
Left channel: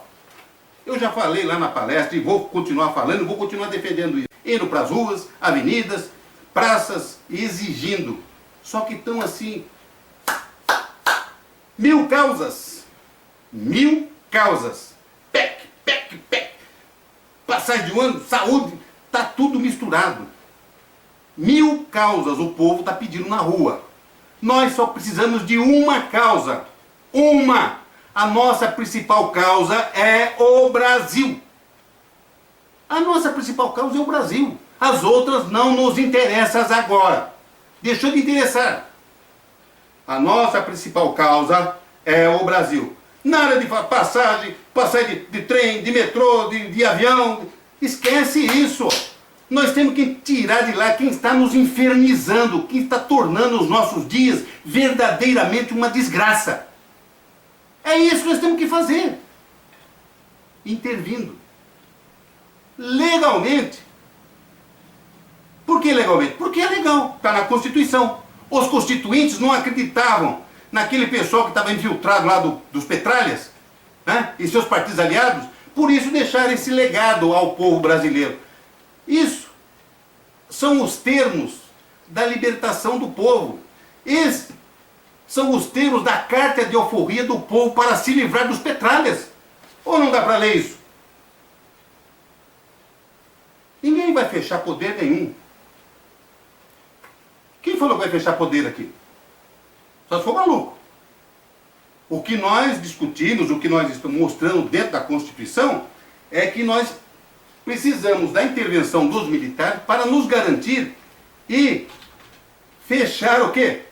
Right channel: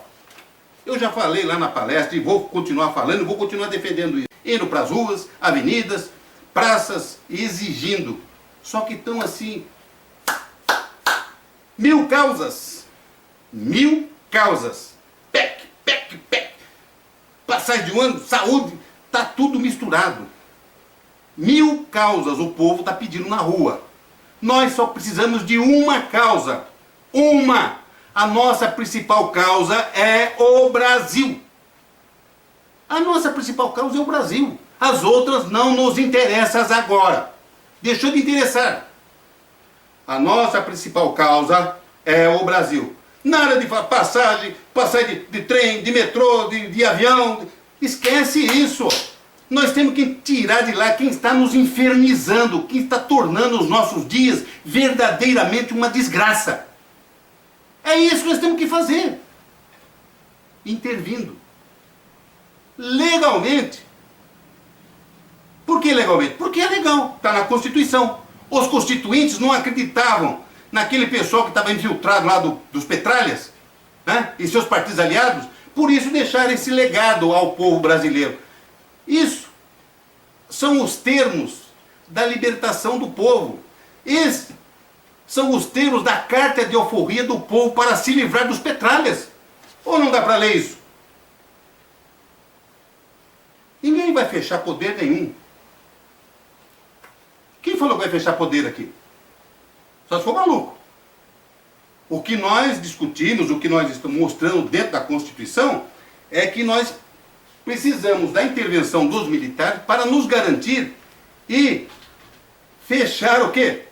eu já falei lá na palestra e vou continuar falando, vou continuar defendendo isso. Indo para as ruas, avenidas, praças, exigindo. Só que estão assim, 1000 causas. 1000 causas. PEC. Passagem de um ano, saúde, está tudo misturado. 1000 causas o povo está pedindo na rua. Nós só precisamos de uma causa. Uma. A nossa principal causa é o Brasil. A nossa principal causa é o Brasil. As outras não nos interessam agora. Deixou de interessar. A nossa principal causa é o Brasil. Nada de passagem de trem, de metrô, de avião. Esquece isso. Nós temos que tirar de lá quem está nos infernizando, quem está tornando os nossos dias verdadeiramente uma desgraça. É isso que nós temos que fazer. Intervindo. Legalmente. Por que legalmente? Porque é legal. Está na Constituição. Os constituintes não acreditavam naquele pessoal que estava infiltrado lá dos Petralhas, né? E seus partidos aliados. Por isso deixaram esse legado ao povo brasileiro. Isso são os termos da libertação do povo. Esses são os termos da carta de alforria do povo para se livrar dos Petralhas. Ou não dá para ler isso? Ninguém vai fechar poder nenhum. Quem falou que vai fechar poder aqui? Só se for maluco. O que nós discutimos, o que nós estamos mostrando dentro da Constituição, é que nós precisamos da intervenção dos militares para nos garantir e fechar o quê?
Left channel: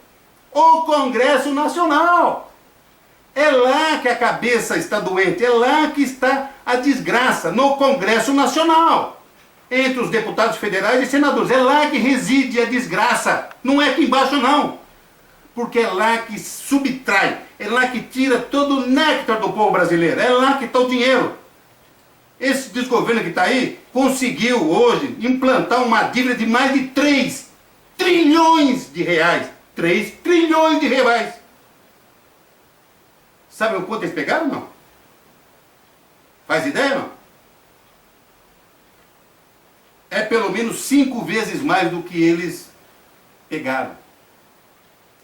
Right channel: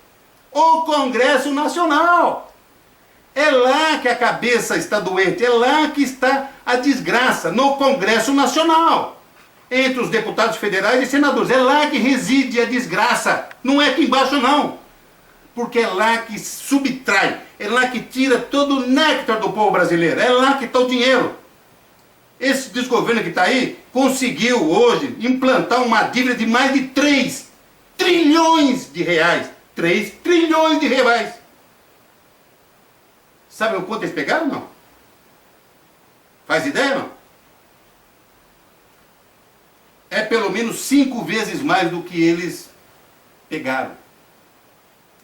O Congresso Nacional. É lá que a cabeça está doente, é lá que está a desgraça, no Congresso Nacional. Entre os deputados federais e senadores, é lá que reside a desgraça, não é aqui embaixo não. Porque é lá que subtrai, é lá que tira todo o néctar do povo brasileiro, é lá que está o dinheiro. Esse desgoverno que está aí conseguiu hoje implantar uma dívida de mais de 3 trilhões de reais. 3 trilhões de reais. Sabe o quanto eles pegaram, não? Faz ideia, não? É pelo menos 5 vezes mais do que eles pegaram.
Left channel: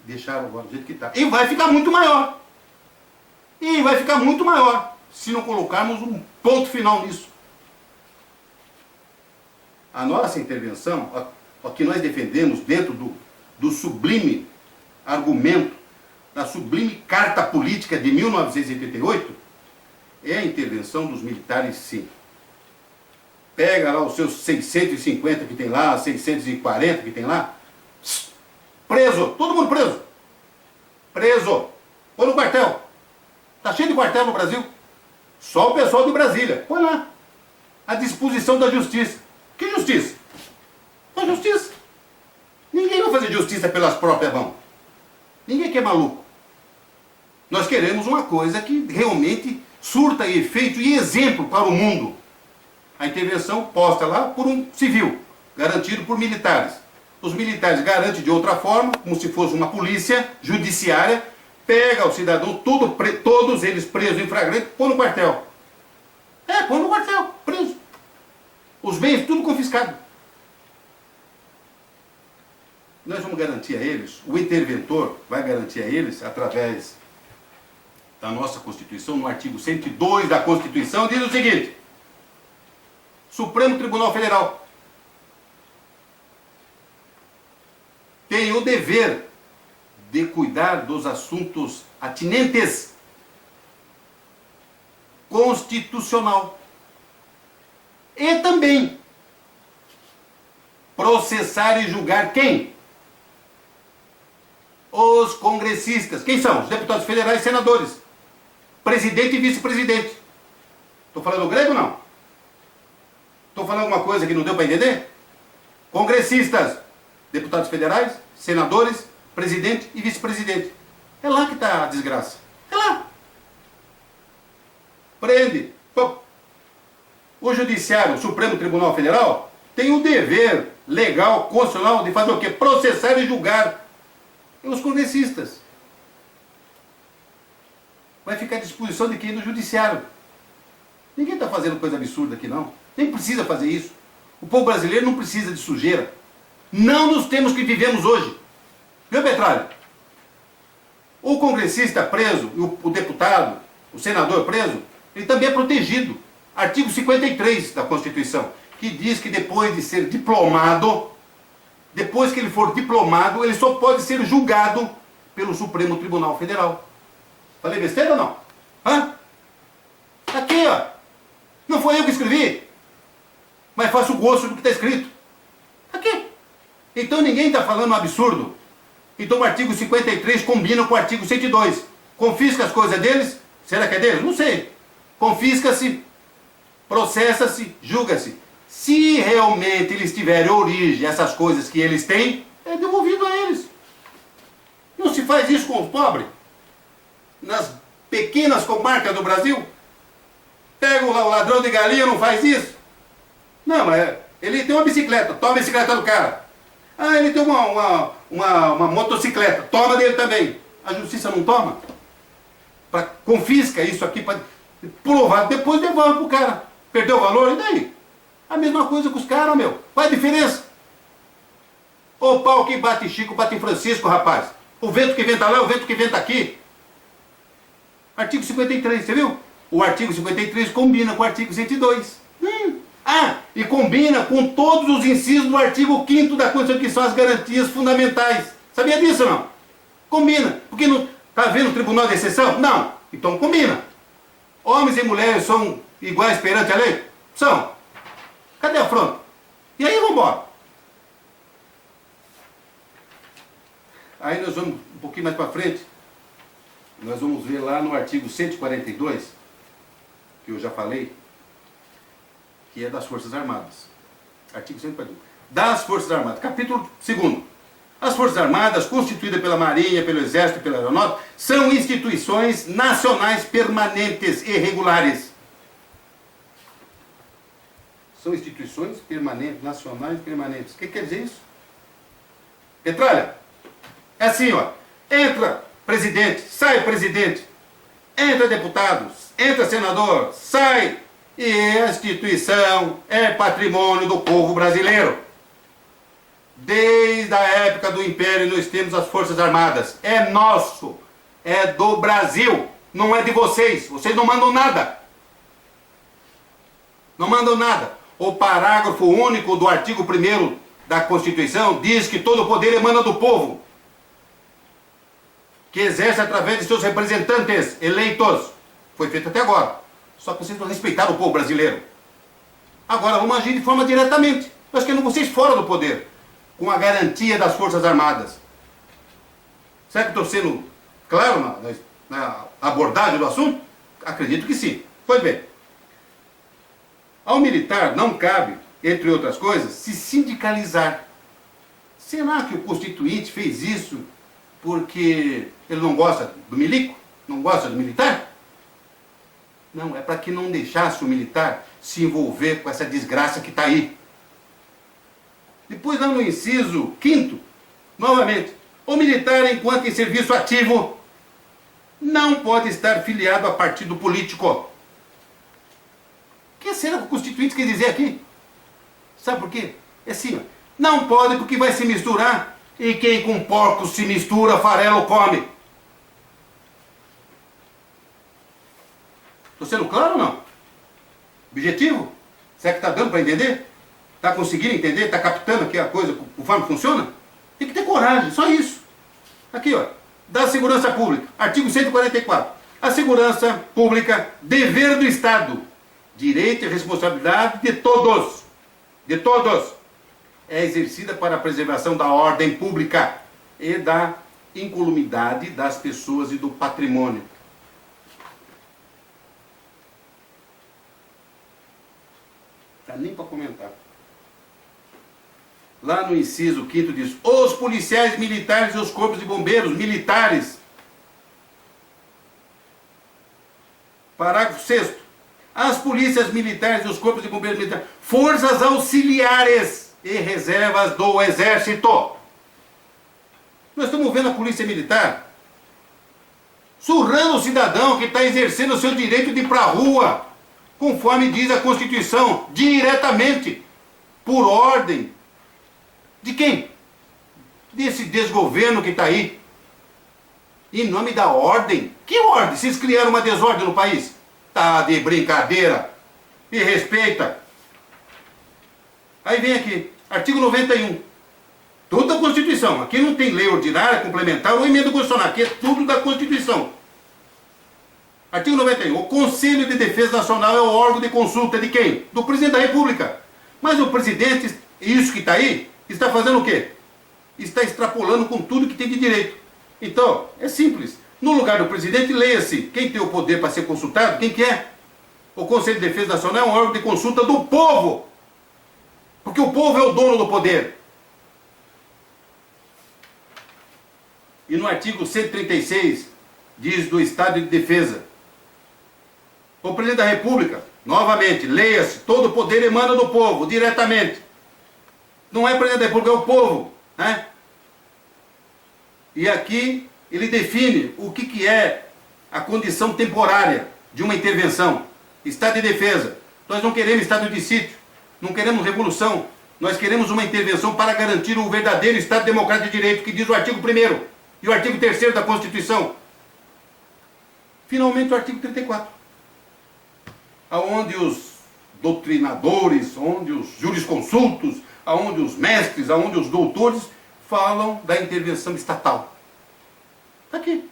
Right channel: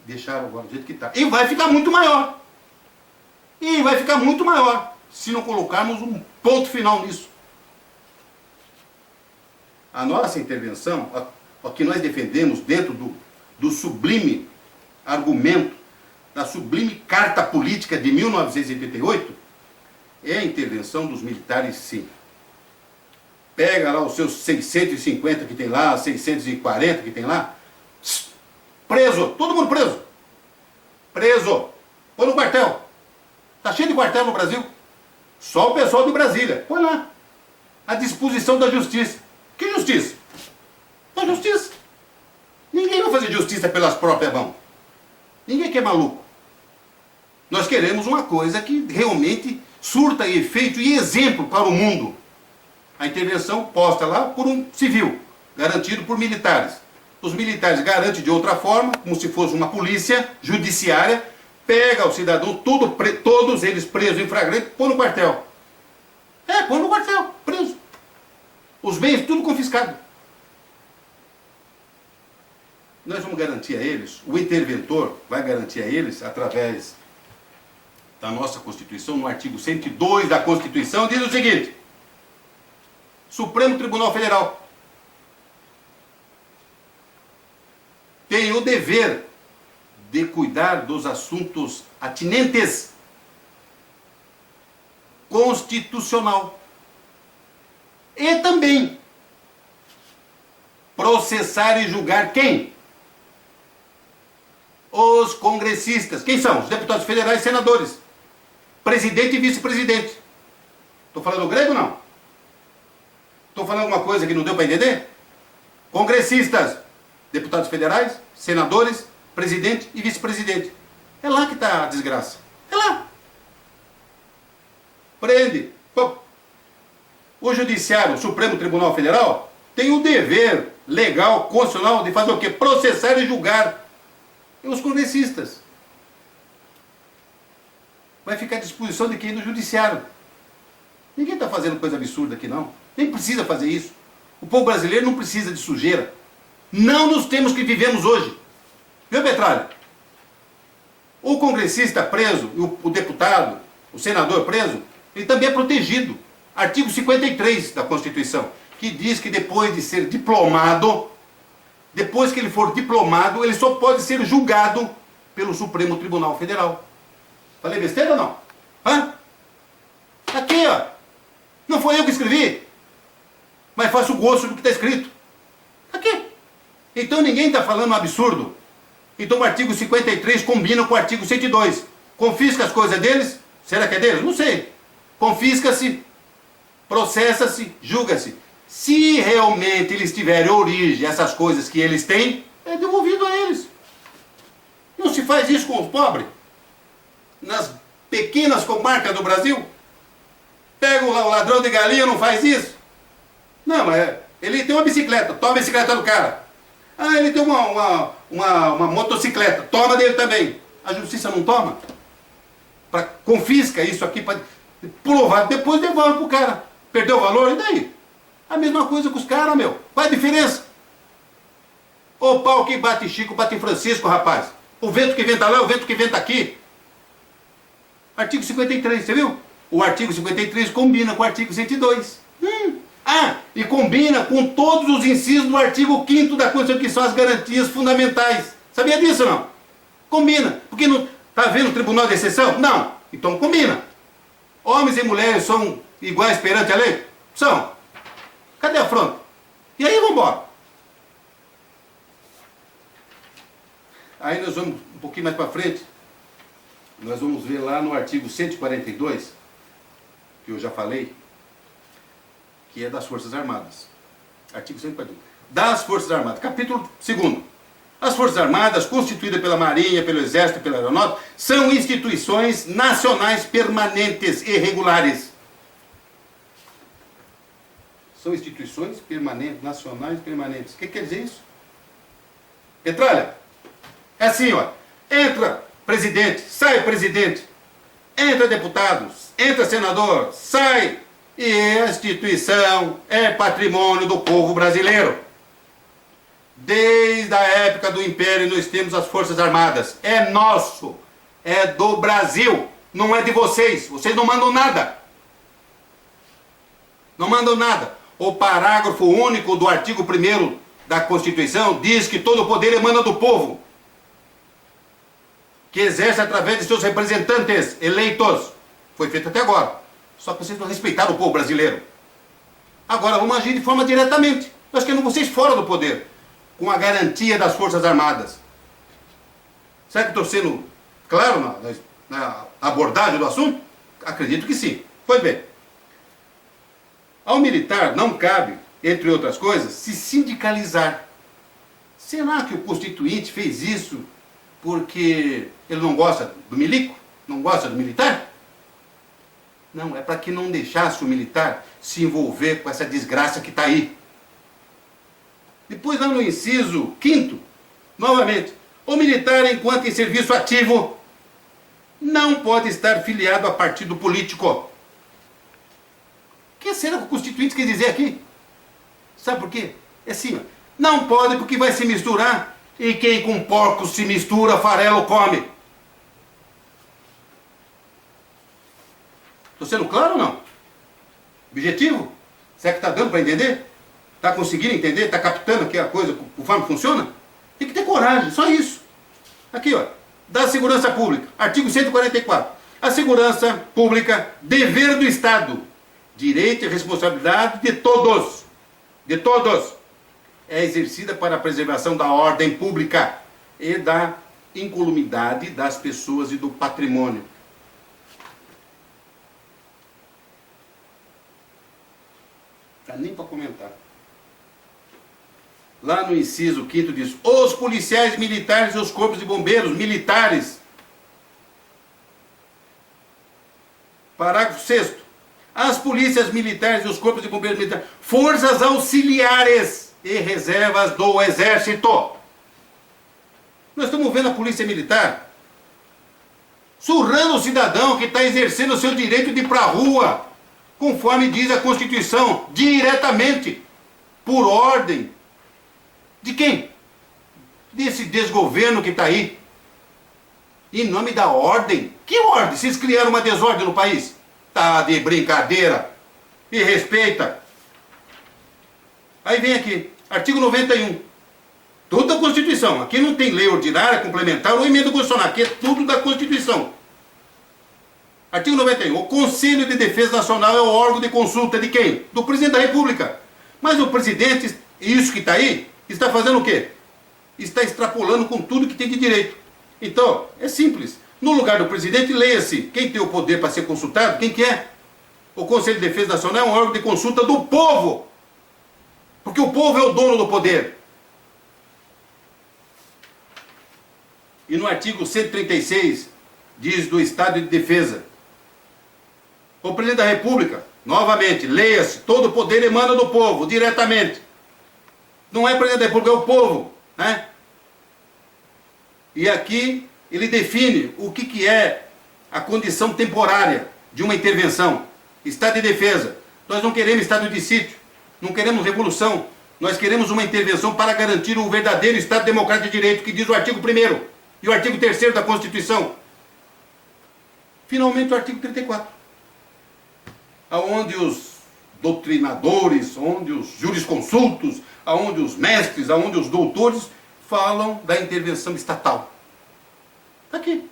Deixaram agora do jeito que está. E vai ficar muito maior. E vai ficar muito maior se não colocarmos um ponto final nisso. A nossa intervenção, o que nós defendemos dentro do sublime argumento, da sublime carta política de 1988, é a intervenção dos militares, sim. Pega lá os seus 650 que tem lá, 640 que tem lá, preso, todo mundo preso. Preso. Põe no quartel. Tá cheio de quartel no Brasil. Só o pessoal de Brasília. Põe lá. À disposição da justiça. Que justiça? Da justiça. Ninguém vai fazer justiça pelas próprias mãos. Ninguém que é maluco. Nós queremos uma coisa que realmente surta efeito e exemplo para o mundo. A intervenção posta lá por um civil, garantido por militares. Os militares garantem de outra forma, como se fosse uma polícia judiciária, pega o cidadão, todos eles presos em flagrante, põe no quartel. Põe no quartel, preso. Os bens tudo confiscado. Nós vamos garantir a eles, o interventor vai garantir a eles, através da nossa Constituição, no artigo 102 da Constituição, diz o seguinte: Supremo Tribunal Federal tem o dever de cuidar dos assuntos atinentes constitucional e também processar e julgar quem? Os congressistas. Quem são? Os deputados federais e senadores. Presidente e vice-presidente. Estou falando grego ou não? Estou falando alguma coisa que não deu para entender? Congressistas, deputados federais, senadores, presidente e vice-presidente. É lá que está a desgraça. É lá. Prende. O Judiciário, o Supremo Tribunal Federal, tem o dever legal, constitucional, de fazer o quê? Processar e julgar os congressistas. Vai ficar à disposição de quem? Do Judiciário. Ninguém está fazendo coisa absurda aqui, não. Nem precisa fazer isso. O povo brasileiro não precisa de sujeira. Não nos tempos que vivemos hoje. Viu, Petralha? O congressista preso, o deputado, o senador preso, ele também é protegido. Artigo 53 da Constituição, que diz que depois de ser diplomado, depois que ele for diplomado, ele só pode ser julgado pelo Supremo Tribunal Federal. Falei besteira ou não? Hã? Aqui, ó. Não foi eu que escrevi. Mas faço gosto do que está escrito. Então ninguém está falando um absurdo. Então o artigo 53 combina com o artigo 102. Confisca as coisas deles? Será que é deles? Não sei. Confisca-se, processa-se, julga-se. Se realmente eles tiverem origem, essas coisas que eles têm, é devolvido a eles. Não se faz isso com os pobres. Nas pequenas comarcas do Brasil, pega o ladrão de galinha, não faz isso? Não, mas ele tem uma bicicleta, toma a bicicleta do cara. Ah, ele tem uma motocicleta, toma dele também. A justiça não toma? Confisca isso aqui para provar, depois devolve pro cara. Perdeu o valor, e daí? A mesma coisa com os caras, meu. Qual é a diferença? O pau que bate em Chico, bate em Francisco, rapaz. O vento que venta lá, o vento que venta aqui. Artigo 53, você viu? O artigo 53 combina com o artigo 102. E combina com todos os incisos do artigo 5º da Constituição, que são as garantias fundamentais. Sabia disso, não? Combina. Porque não está havendo um tribunal de exceção? Não. Então combina. Homens e mulheres são iguais perante a lei? São. Cadê a afronta? E aí vamos embora. Aí nós vamos, um pouquinho mais para frente, nós vamos ver lá no artigo 142, que eu já falei, que é das Forças Armadas. Artigo 142. Das Forças Armadas, capítulo 2º. As Forças Armadas, constituídas pela Marinha, pelo Exército e pela Aeronáutica, são instituições nacionais permanentes e regulares. São instituições permanentes, nacionais permanentes. O que quer dizer isso? Petralha, é assim, ó. Entra presidente, sai presidente. Entra deputado, entra senador, sai. E a instituição é patrimônio do povo brasileiro. Desde a época do Império nós temos as Forças Armadas. É nosso, é do Brasil, não é de vocês. Vocês não mandam nada. Não mandam nada. O parágrafo único do artigo 1º da Constituição diz que todo o poder emana do povo, que exerce através de seus representantes eleitos. Foi feito até agora. Só que vocês não respeitaram o povo brasileiro. Agora vamos agir de forma diretamente. Nós queremos vocês fora do poder, com a garantia das Forças Armadas. Será que estou sendo claro na abordagem do assunto? Acredito que sim. Pois bem, ao militar não cabe, entre outras coisas, se sindicalizar. Será que o Constituinte fez isso porque ele não gosta do milico? Não gosta do militar? Não, é para que não deixasse o militar se envolver com essa desgraça que está aí. Depois, lá no inciso 5º, novamente, o militar, enquanto em serviço ativo, não pode estar filiado a partido político. O que será que o Constituinte quer dizer aqui? Sabe por quê? É assim, ó, não pode porque vai se misturar, e quem com porcos se mistura, farelo come. Estou sendo claro ou não? Objetivo? Será que está dando para entender? Está conseguindo entender? Está captando aqui a coisa, conforme funciona? Tem que ter coragem, só isso. Aqui, ó, da segurança pública, artigo 144. A segurança pública, dever do Estado, direito e responsabilidade de todos, é exercida para a preservação da ordem pública e da incolumidade das pessoas e do patrimônio. Não dá nem para comentar. Lá no inciso 5º diz: os policiais militares e os corpos de bombeiros militares. Parágrafo 6º. As polícias militares e os corpos de bombeiros militares, forças auxiliares e reservas do Exército. Nós estamos vendo a polícia militar surrando o cidadão que está exercendo o seu direito de ir para a rua, conforme diz a Constituição, diretamente, por ordem. De quem? Desse desgoverno que está aí. Em nome da ordem. Que ordem? Vocês criaram uma desordem no país? Tá de brincadeira. E respeita. Aí vem aqui, artigo 91. Tudo da Constituição. Aqui não tem lei ordinária, complementar ou emenda constitucional. Aqui é tudo da Constituição. Artigo 91. O Conselho de Defesa Nacional é o órgão de consulta de quem? Do Presidente da República. Mas o presidente, isso que está aí, está fazendo o quê? está extrapolando com tudo que tem de direito. Então, é simples. No lugar do presidente, leia-se quem tem o poder para ser consultado, quem que é. O Conselho de Defesa Nacional é um órgão de consulta do povo. Porque o povo é o dono do poder. E no artigo 136, diz do Estado de Defesa. O presidente da República, novamente, leia-se, todo o poder emana do povo, diretamente. Não é o presidente da República, é o povo, né? E aqui ele define o que é a condição temporária de uma intervenção. Estado de defesa. Nós não queremos estado de sítio, não queremos revolução. Nós queremos uma intervenção para garantir o verdadeiro Estado Democrático de Direito, que diz o artigo 1º e o artigo 3º da Constituição. Finalmente o artigo 34. Onde os doutrinadores, onde os jurisconsultos, onde os mestres, onde os doutores falam da intervenção estatal. Está aqui.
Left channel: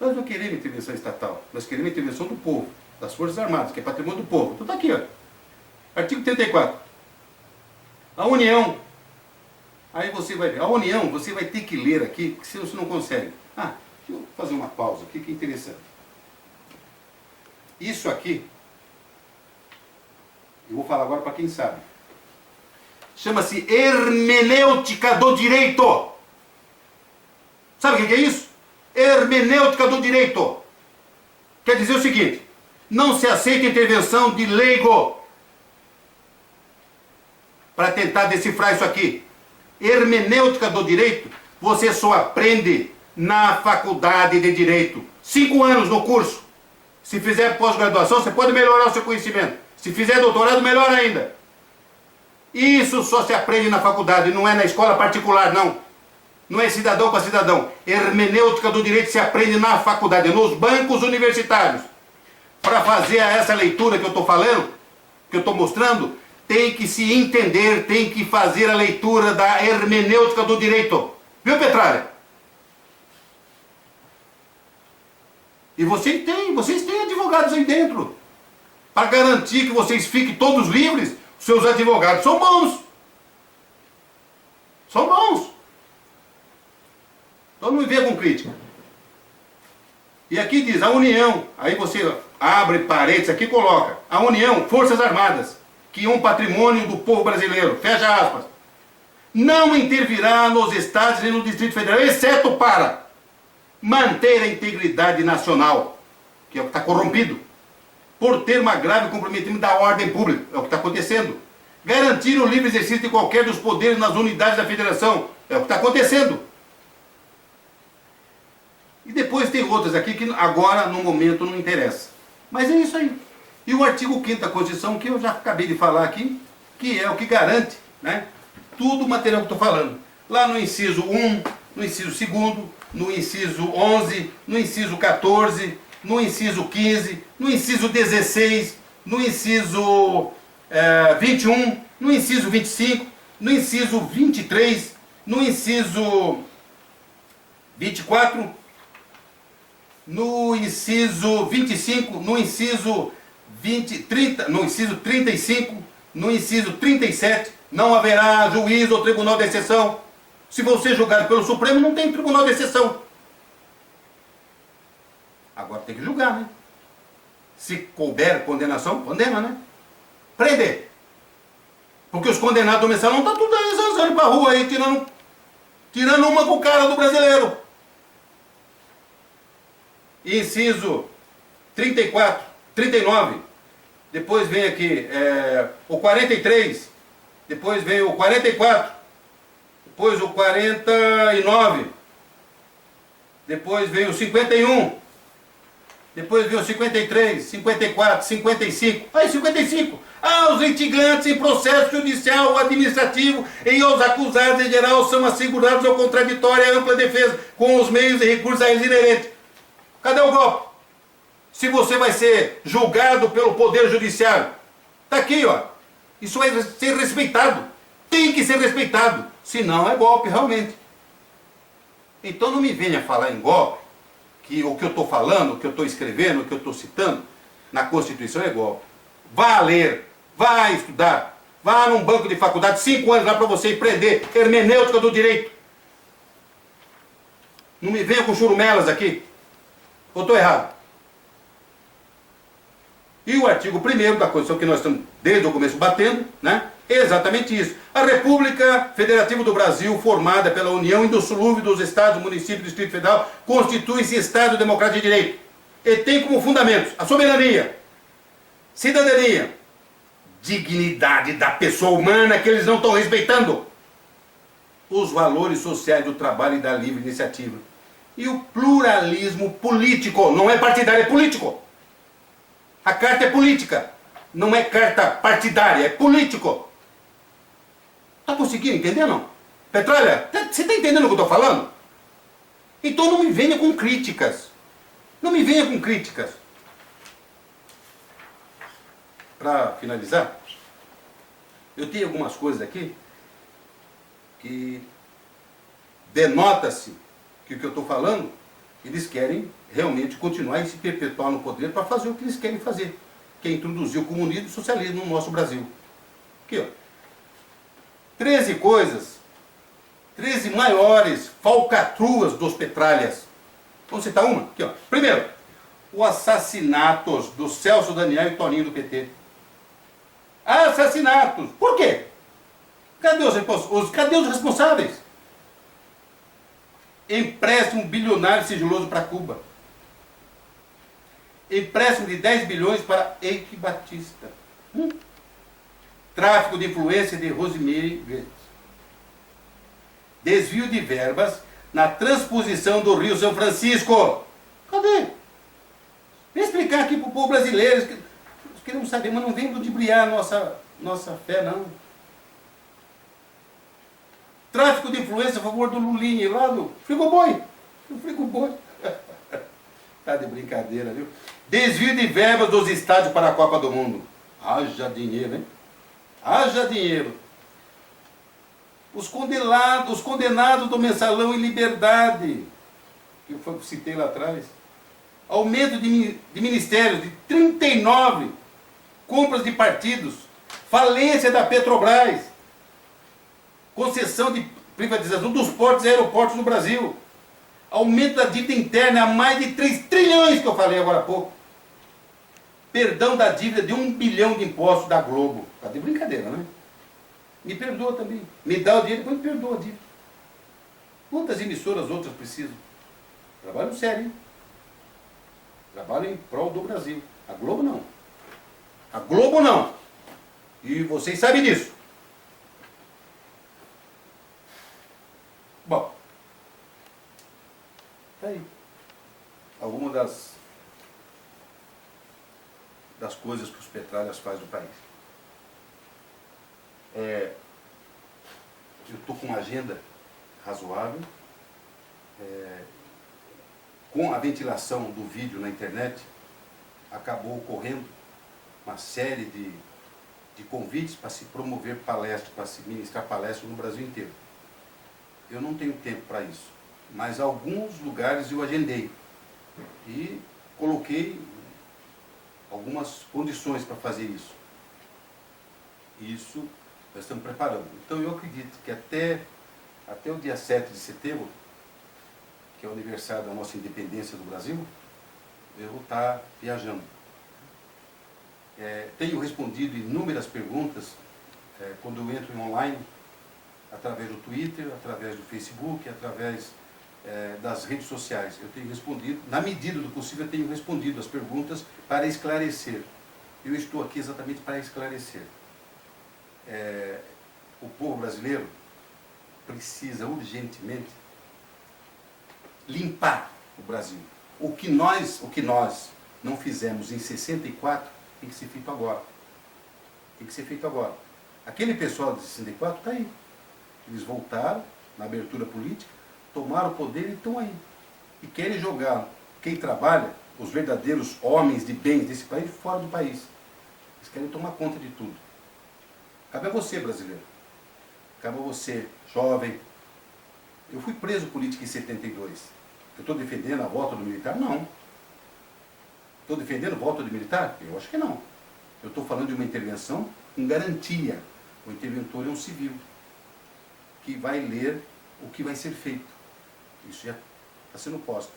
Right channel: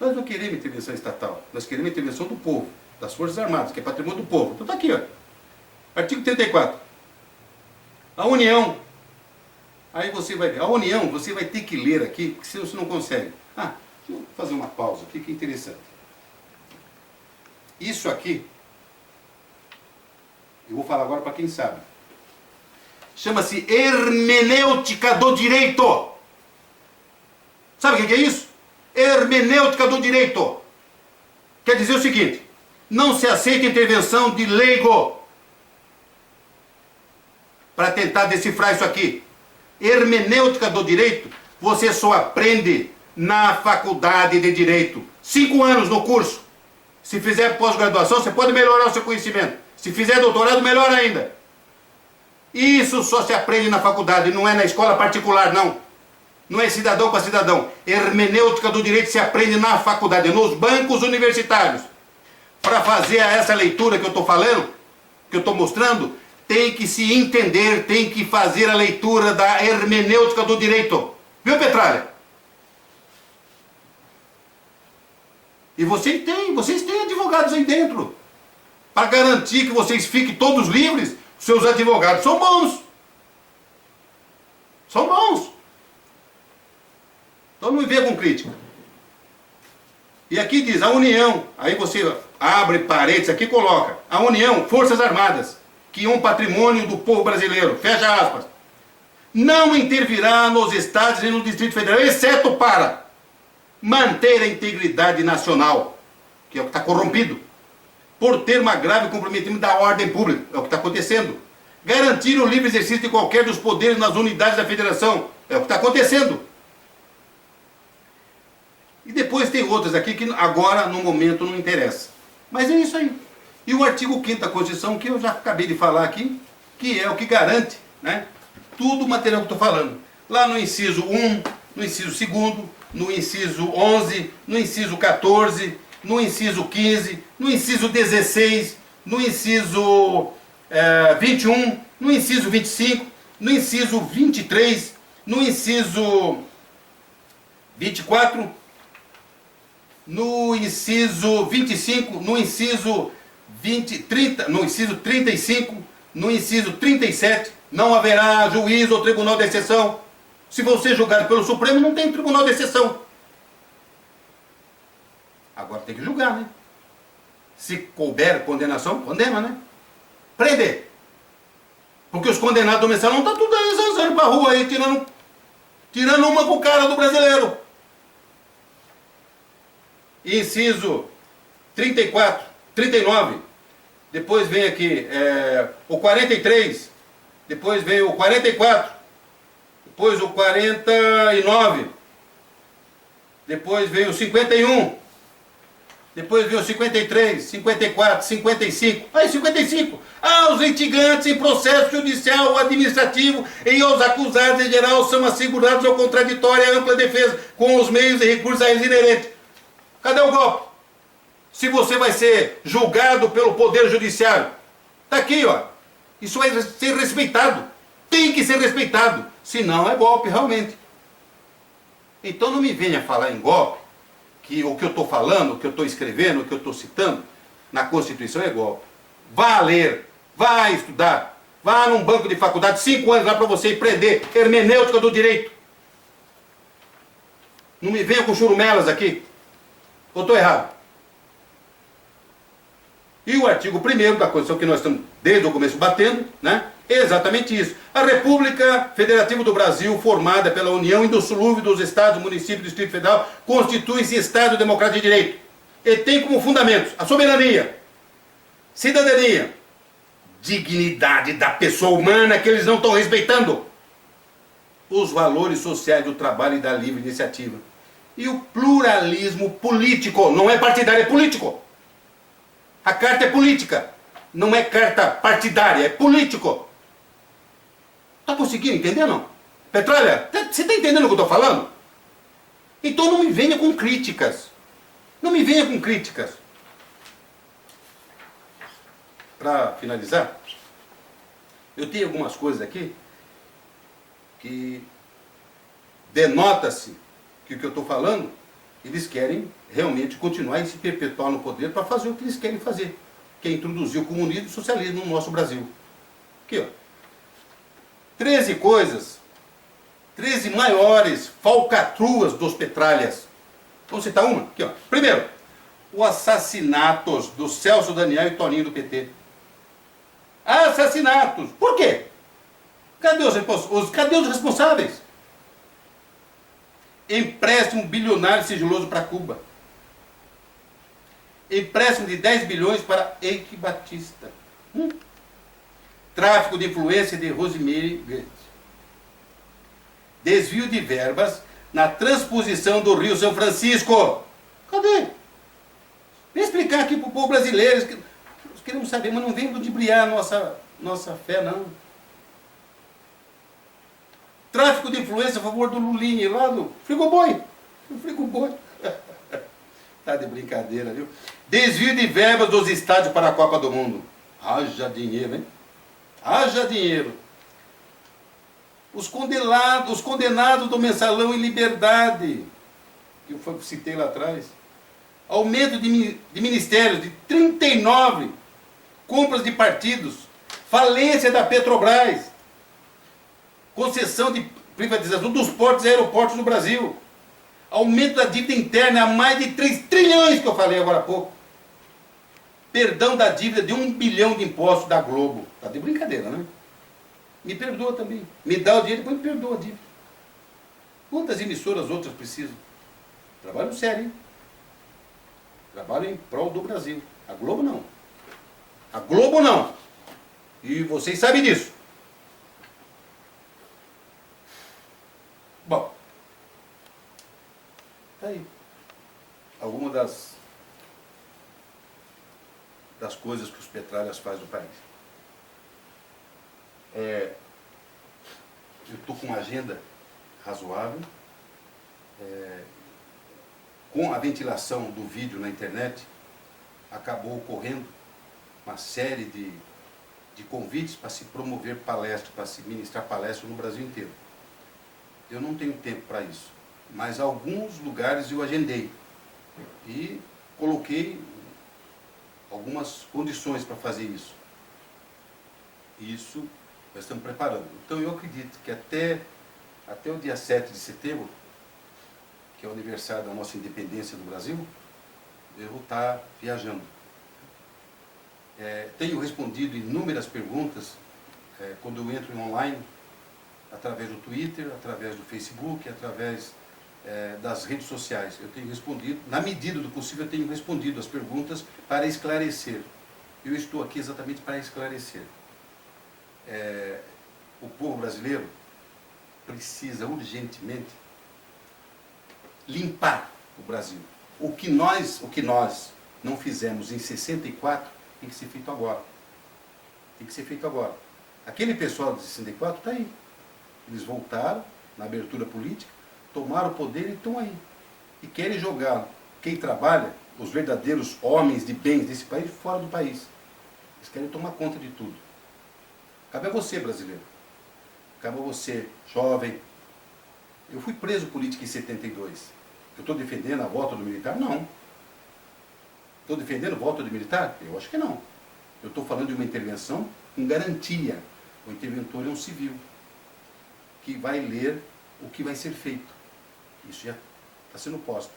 Nós não queremos intervenção estatal, nós queremos intervenção do povo, das Forças Armadas, que é patrimônio do povo. Então está aqui, ó. Artigo 34. A União. Aí você vai ver. A União, você vai ter que ler aqui, porque senão você não consegue. Deixa eu fazer uma pausa aqui, que é interessante. Isso aqui, eu vou falar agora para quem sabe. Chama-se hermenêutica do direito. Sabe o que é isso? Hermenêutica do direito. Quer dizer o seguinte: não se aceita intervenção de leigo para tentar decifrar isso aqui. Hermenêutica do direito, você só aprende na faculdade de direito. 5 anos no curso. Se fizer pós-graduação, você pode melhorar o seu conhecimento. Se fizer doutorado, melhor ainda. Isso só se aprende na faculdade, não é na escola particular, não. Não é cidadão para cidadão. Hermenêutica do direito se aprende na faculdade, nos bancos universitários. Para fazer essa leitura que eu estou falando, que eu estou mostrando, tem que se entender, tem que fazer a leitura da hermenêutica do direito. Viu, Petralha? E vocês têm advogados aí dentro. Para garantir que vocês fiquem todos livres, seus advogados são bons. São bons. Então não me venha com crítica. E aqui diz, a União, aí você abre parênteses aqui e coloca, a União, Forças Armadas, que é um patrimônio do povo brasileiro, fecha aspas, não intervirá nos estados e no Distrito Federal, exceto para manter a integridade nacional, que é o que está corrompido, por ter uma grave comprometimento da ordem pública, é o que está acontecendo, garantir o livre exercício de qualquer dos poderes nas unidades da federação, é o que está acontecendo. E depois tem outras aqui que agora, no momento, não interessa. Mas é isso aí. E o artigo 5º da Constituição, que eu já acabei de falar aqui, que é o que garante, né, tudo o material que eu estou falando. Lá no inciso 1, no inciso 2º, no inciso 11, no inciso 14, no inciso 15, no inciso 16, no inciso 21, no inciso 25, no inciso 23, no inciso 24, no inciso 25, no inciso 30, no inciso 35, no inciso 37, não haverá juízo ou tribunal de exceção. Se você julgado pelo Supremo, não tem tribunal de exceção. Agora tem que julgar, né? Se couber condenação, condena, né? Prender. Porque os condenados do mensalão estão tudo aí zanzando pra rua aí, tirando uma com o cara do brasileiro. Inciso 34, 39, depois vem aqui o 43, depois vem o 44, depois o 49, depois vem o 51, depois vem o 53, 54, 55, aí 55, aos litigantes em processo judicial ou administrativo e aos acusados em geral são assegurados ao contraditório e à ampla defesa com os meios e recursos a eles inerentes. Cadê o golpe? Se você vai ser julgado pelo Poder Judiciário. Está aqui, ó. Isso vai ser respeitado. Tem que ser respeitado. Senão é golpe, realmente. Então não me venha falar em golpe, que o que eu estou falando, o que eu estou escrevendo, o que eu estou citando, na Constituição é golpe. Vá ler, vá estudar, Vá num banco de faculdade, 5 anos lá para você aprender hermenêutica do direito. Não me venha com churumelas aqui. Ou estou errado? E o artigo 1º da Constituição, que nós estamos desde o começo batendo, né? É exatamente isso. A República Federativa do Brasil, formada pela União Indissolúvel dos Estados, Municípios e Distrito Federal, constitui-se Estado Democrático de Direito. E tem como fundamentos a soberania, cidadania, dignidade da pessoa humana que eles não estão respeitando, os valores sociais do trabalho e da livre iniciativa. E o pluralismo político, não é partidário, é político. A carta é política, não é carta partidária, é político. Está conseguindo entender, não? Petralha, você está entendendo o que eu estou falando? Então não me venha com críticas. Não me venha com críticas. Para finalizar, eu tenho algumas coisas aqui que denota-se que o que eu estou falando, eles querem realmente continuar e se perpetuar no poder para fazer o que eles querem fazer, que é introduzir o comunismo e o socialismo no nosso Brasil. Aqui, ó. 13 coisas, 13 maiores falcatruas dos petralhas. Vamos citar uma? Aqui, ó. Primeiro, os assassinatos do Celso Daniel e Toninho do PT. Assassinatos. Por quê? Cadê os responsáveis? Empréstimo bilionário sigiloso para Cuba. Empréstimo de 10 bilhões para Eike Batista. Tráfico de influência de Rosemary Goetz. Desvio de verbas na transposição do Rio São Francisco. Cadê? Vem explicar aqui para o povo brasileiro. Nós queremos saber, mas não vem ludibriar nossa fé, não. Tráfico de influência a favor do Lulinha, lá do Frigoboi. O Frigoboi. Tá de brincadeira, viu? Desvio de verbas dos estádios para a Copa do Mundo. Haja dinheiro, hein? Haja dinheiro. Os condenados do mensalão em liberdade, que eu citei lá atrás. Aumento de ministérios de 39. Compras de partidos. Falência da Petrobras. Concessão de privatização dos portos e aeroportos no Brasil. Aumento da dívida interna a mais de 3 trilhões, que eu falei agora há pouco. Perdão da dívida de 1 bilhão de impostos da Globo. Tá de brincadeira, né? Me perdoa também. Me dá o dinheiro, depois me perdoa a dívida. Quantas emissoras outras precisam? Trabalho sério, hein? Trabalho em prol do Brasil. A Globo não. A Globo não. E vocês sabem disso. Bom, tá aí. Algumas das coisas que os petralhas fazem no país. Eu estou com uma agenda razoável. Com a ventilação do vídeo na internet, acabou ocorrendo uma série de convites para se promover palestras, para se ministrar palestras no Brasil inteiro. Eu não tenho tempo para isso, mas alguns lugares eu agendei e coloquei algumas condições para fazer isso. Isso nós estamos preparando. Então eu acredito que até o dia 7 de setembro, que é o aniversário da nossa independência do Brasil, eu vou estar viajando. Tenho respondido inúmeras perguntas quando eu entro em online, através do Twitter, através do Facebook, através das redes sociais. Eu tenho respondido, na medida do possível, eu tenho respondido as perguntas para esclarecer. Eu estou aqui exatamente para esclarecer. O povo brasileiro precisa urgentemente limpar o Brasil. O que nós não fizemos em 64 tem que ser feito agora. Tem que ser feito agora. Aquele pessoal de 64 está aí. Eles voltaram na abertura política, tomaram o poder e estão aí. E querem jogar quem trabalha, os verdadeiros homens de bens desse país, fora do país. Eles querem tomar conta de tudo. Cabe a você, brasileiro. Cabe a você, jovem. Eu fui preso político em 72. Eu estou defendendo a volta do militar? Não. Estou defendendo a volta do militar? Eu acho que não. Eu estou falando de uma intervenção com garantia. O interventor é um civil, que vai ler o que vai ser feito. Isso já está sendo posto.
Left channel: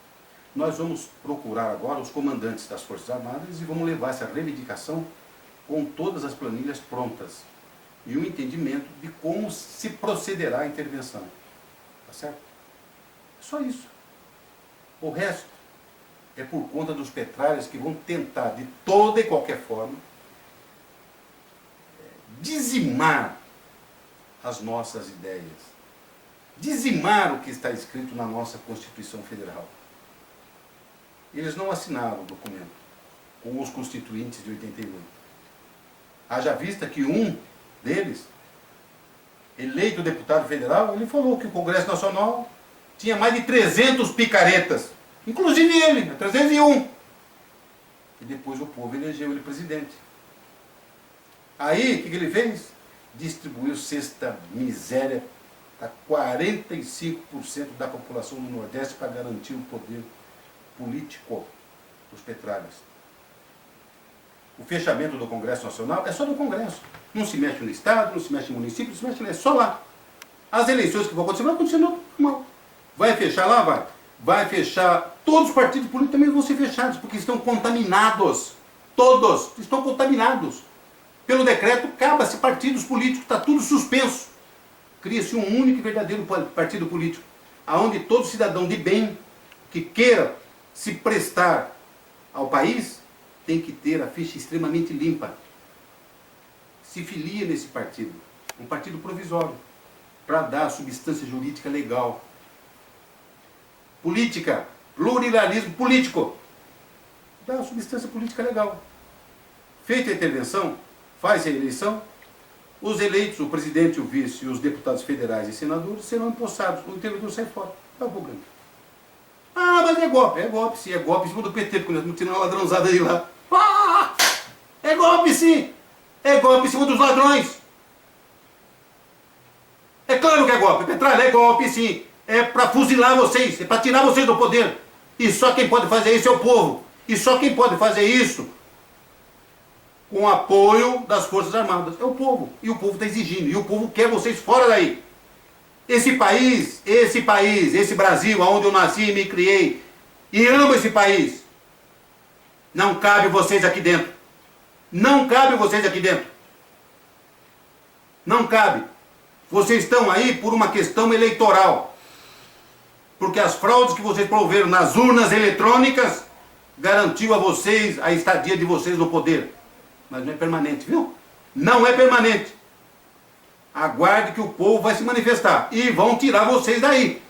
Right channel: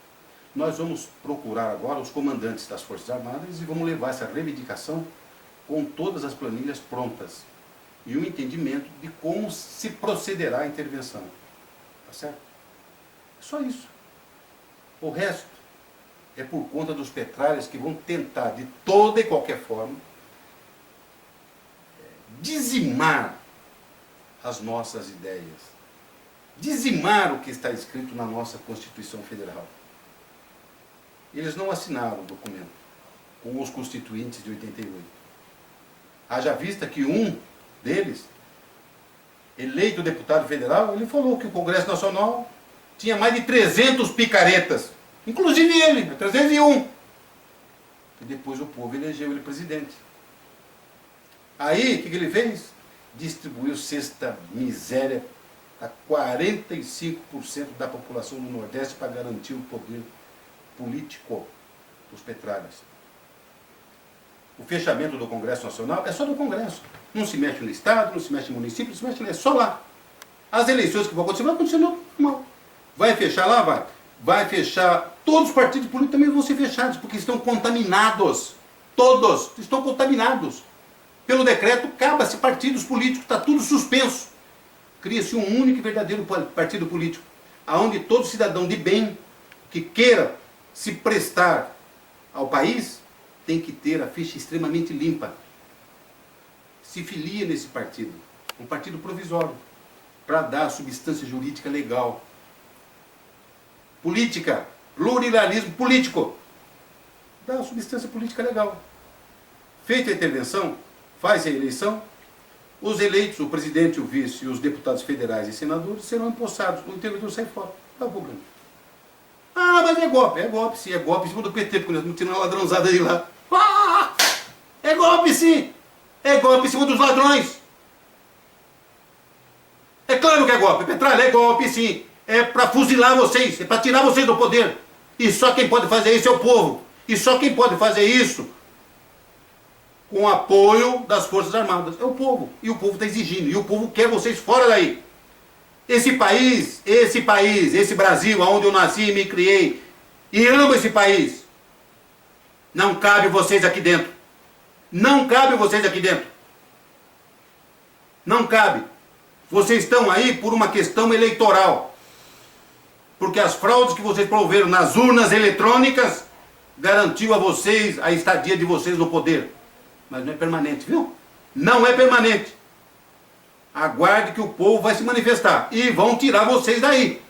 Nós vamos procurar agora os comandantes das Forças Armadas e vamos levar essa reivindicação com todas as planilhas prontas e o entendimento de como se procederá a intervenção. Tá certo? É só isso. O resto é por conta dos petralhas que vão tentar, de toda e qualquer forma, dizimar as nossas ideias, dizimar o que está escrito na nossa Constituição Federal. Eles não assinaram o documento com os constituintes de 88. Haja vista que um deles, eleito deputado federal, ele falou que o Congresso Nacional tinha mais de 300 picaretas, inclusive ele, 301. E depois o povo elegeu ele presidente. Aí, o que ele fez? Distribuiu cesta miséria a 45% da população do Nordeste para garantir o poder político dos petralhas. O fechamento do Congresso Nacional é só do Congresso. Não se mexe no Estado, não se mexe no município, não se mexe, é só lá. As eleições que vão acontecer normal. Vai fechar lá? Vai. Vai fechar. Todos os partidos políticos também vão ser fechados, porque estão contaminados. Todos estão contaminados. Pelo decreto, acaba-se partidos políticos, está tudo suspenso. Cria-se um único e verdadeiro partido político, onde todo cidadão de bem que queira se prestar ao país tem que ter a ficha extremamente limpa. Se filia nesse partido, um partido provisório, para dar substância jurídica legal. Política, pluralismo político, dá substância política legal. Feita a intervenção, faz a eleição, os eleitos, o presidente, o vice e os deputados federais e senadores serão empossados, o interventor sai fora, não dá problema. Ah, mas é golpe sim, é golpe em cima do PT, porque nós não tiramos uma ladrãozada aí lá. Ah, é golpe sim, é golpe em cima dos ladrões. É claro que é golpe, Petralha, é golpe sim, é para fuzilar vocês, é para tirar vocês do poder. E só quem pode fazer isso é o povo, e só quem pode fazer isso com o apoio das Forças Armadas. É o povo. E o povo está exigindo. E o povo quer vocês fora daí. Esse país, esse Brasil, onde eu nasci e me criei, e amo esse país, não cabe vocês aqui dentro. Não cabe vocês aqui dentro. Não cabe. Vocês estão aí por uma questão eleitoral. Porque as fraudes que vocês promoveram nas urnas eletrônicas garantiu a vocês a estadia de vocês no poder. Mas não é permanente, viu? Não é permanente. Aguarde que o povo vai se manifestar. E vão tirar vocês daí.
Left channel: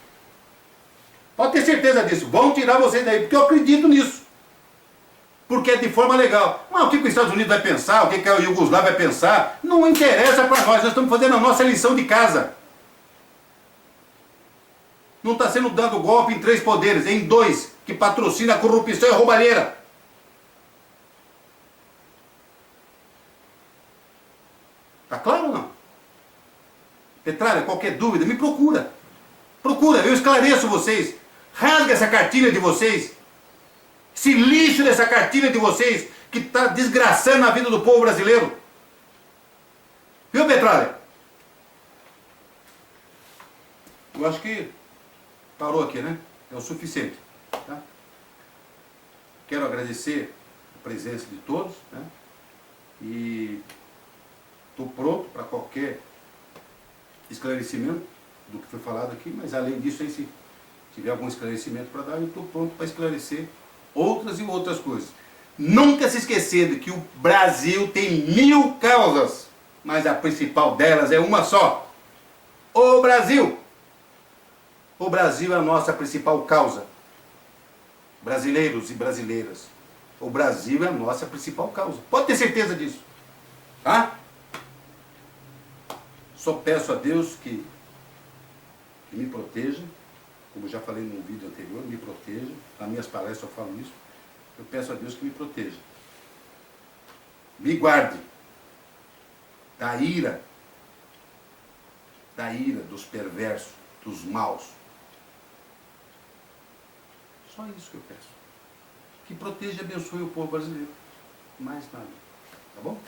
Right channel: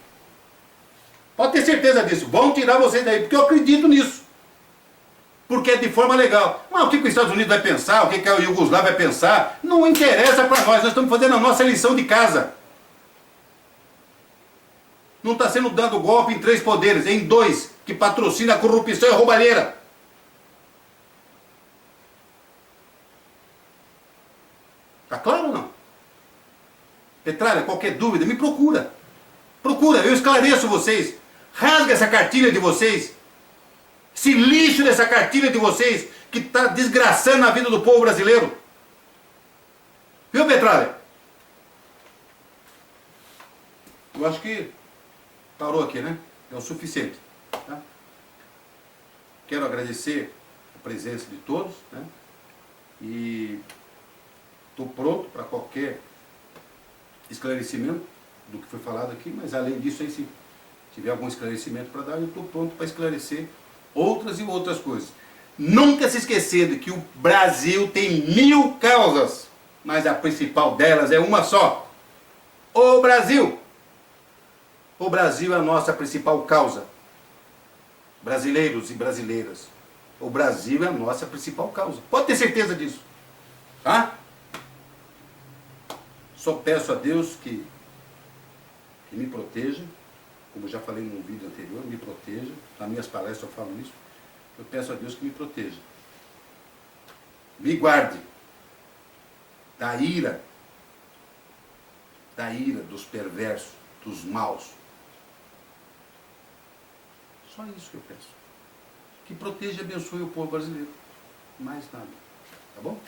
Pode ter certeza disso. Vão tirar vocês daí, porque eu acredito nisso. Porque é de forma legal. Mas o que os Estados Unidos vai pensar? O que a Iugoslávia vai pensar? Não interessa para nós. Nós estamos fazendo a nossa lição de casa. Não está sendo dado golpe em 3 poderes, em 2, que patrocina a corrupção e a roubalheira. Tá claro ou não? Petralha, qualquer dúvida, me procura. Procura, eu esclareço vocês. Rasga essa cartilha de vocês. Esse lixo dessa cartilha de vocês, que está desgraçando a vida do povo brasileiro. Viu, Petralha? Eu acho que parou aqui, né? É o suficiente. Tá? Quero agradecer a presença de todos, né? E estou pronto para qualquer esclarecimento do que foi falado aqui, mas além disso, aí, se tiver algum esclarecimento para dar, eu estou pronto para esclarecer outras e outras coisas. Nunca se esquecendo que o Brasil tem 1000 causas, mas a principal delas é uma só. O Brasil! O Brasil é a nossa principal causa. Brasileiros e brasileiras. O Brasil é a nossa principal causa. Pode ter certeza disso. Tá? Só peço a Deus que me proteja, como já falei num vídeo anterior, me proteja. Nas minhas palestras eu falo isso. Eu peço a Deus que me proteja. Me guarde da ira dos perversos, dos maus. Só isso que eu peço. Que proteja e abençoe o povo brasileiro. Mais nada. Tá bom?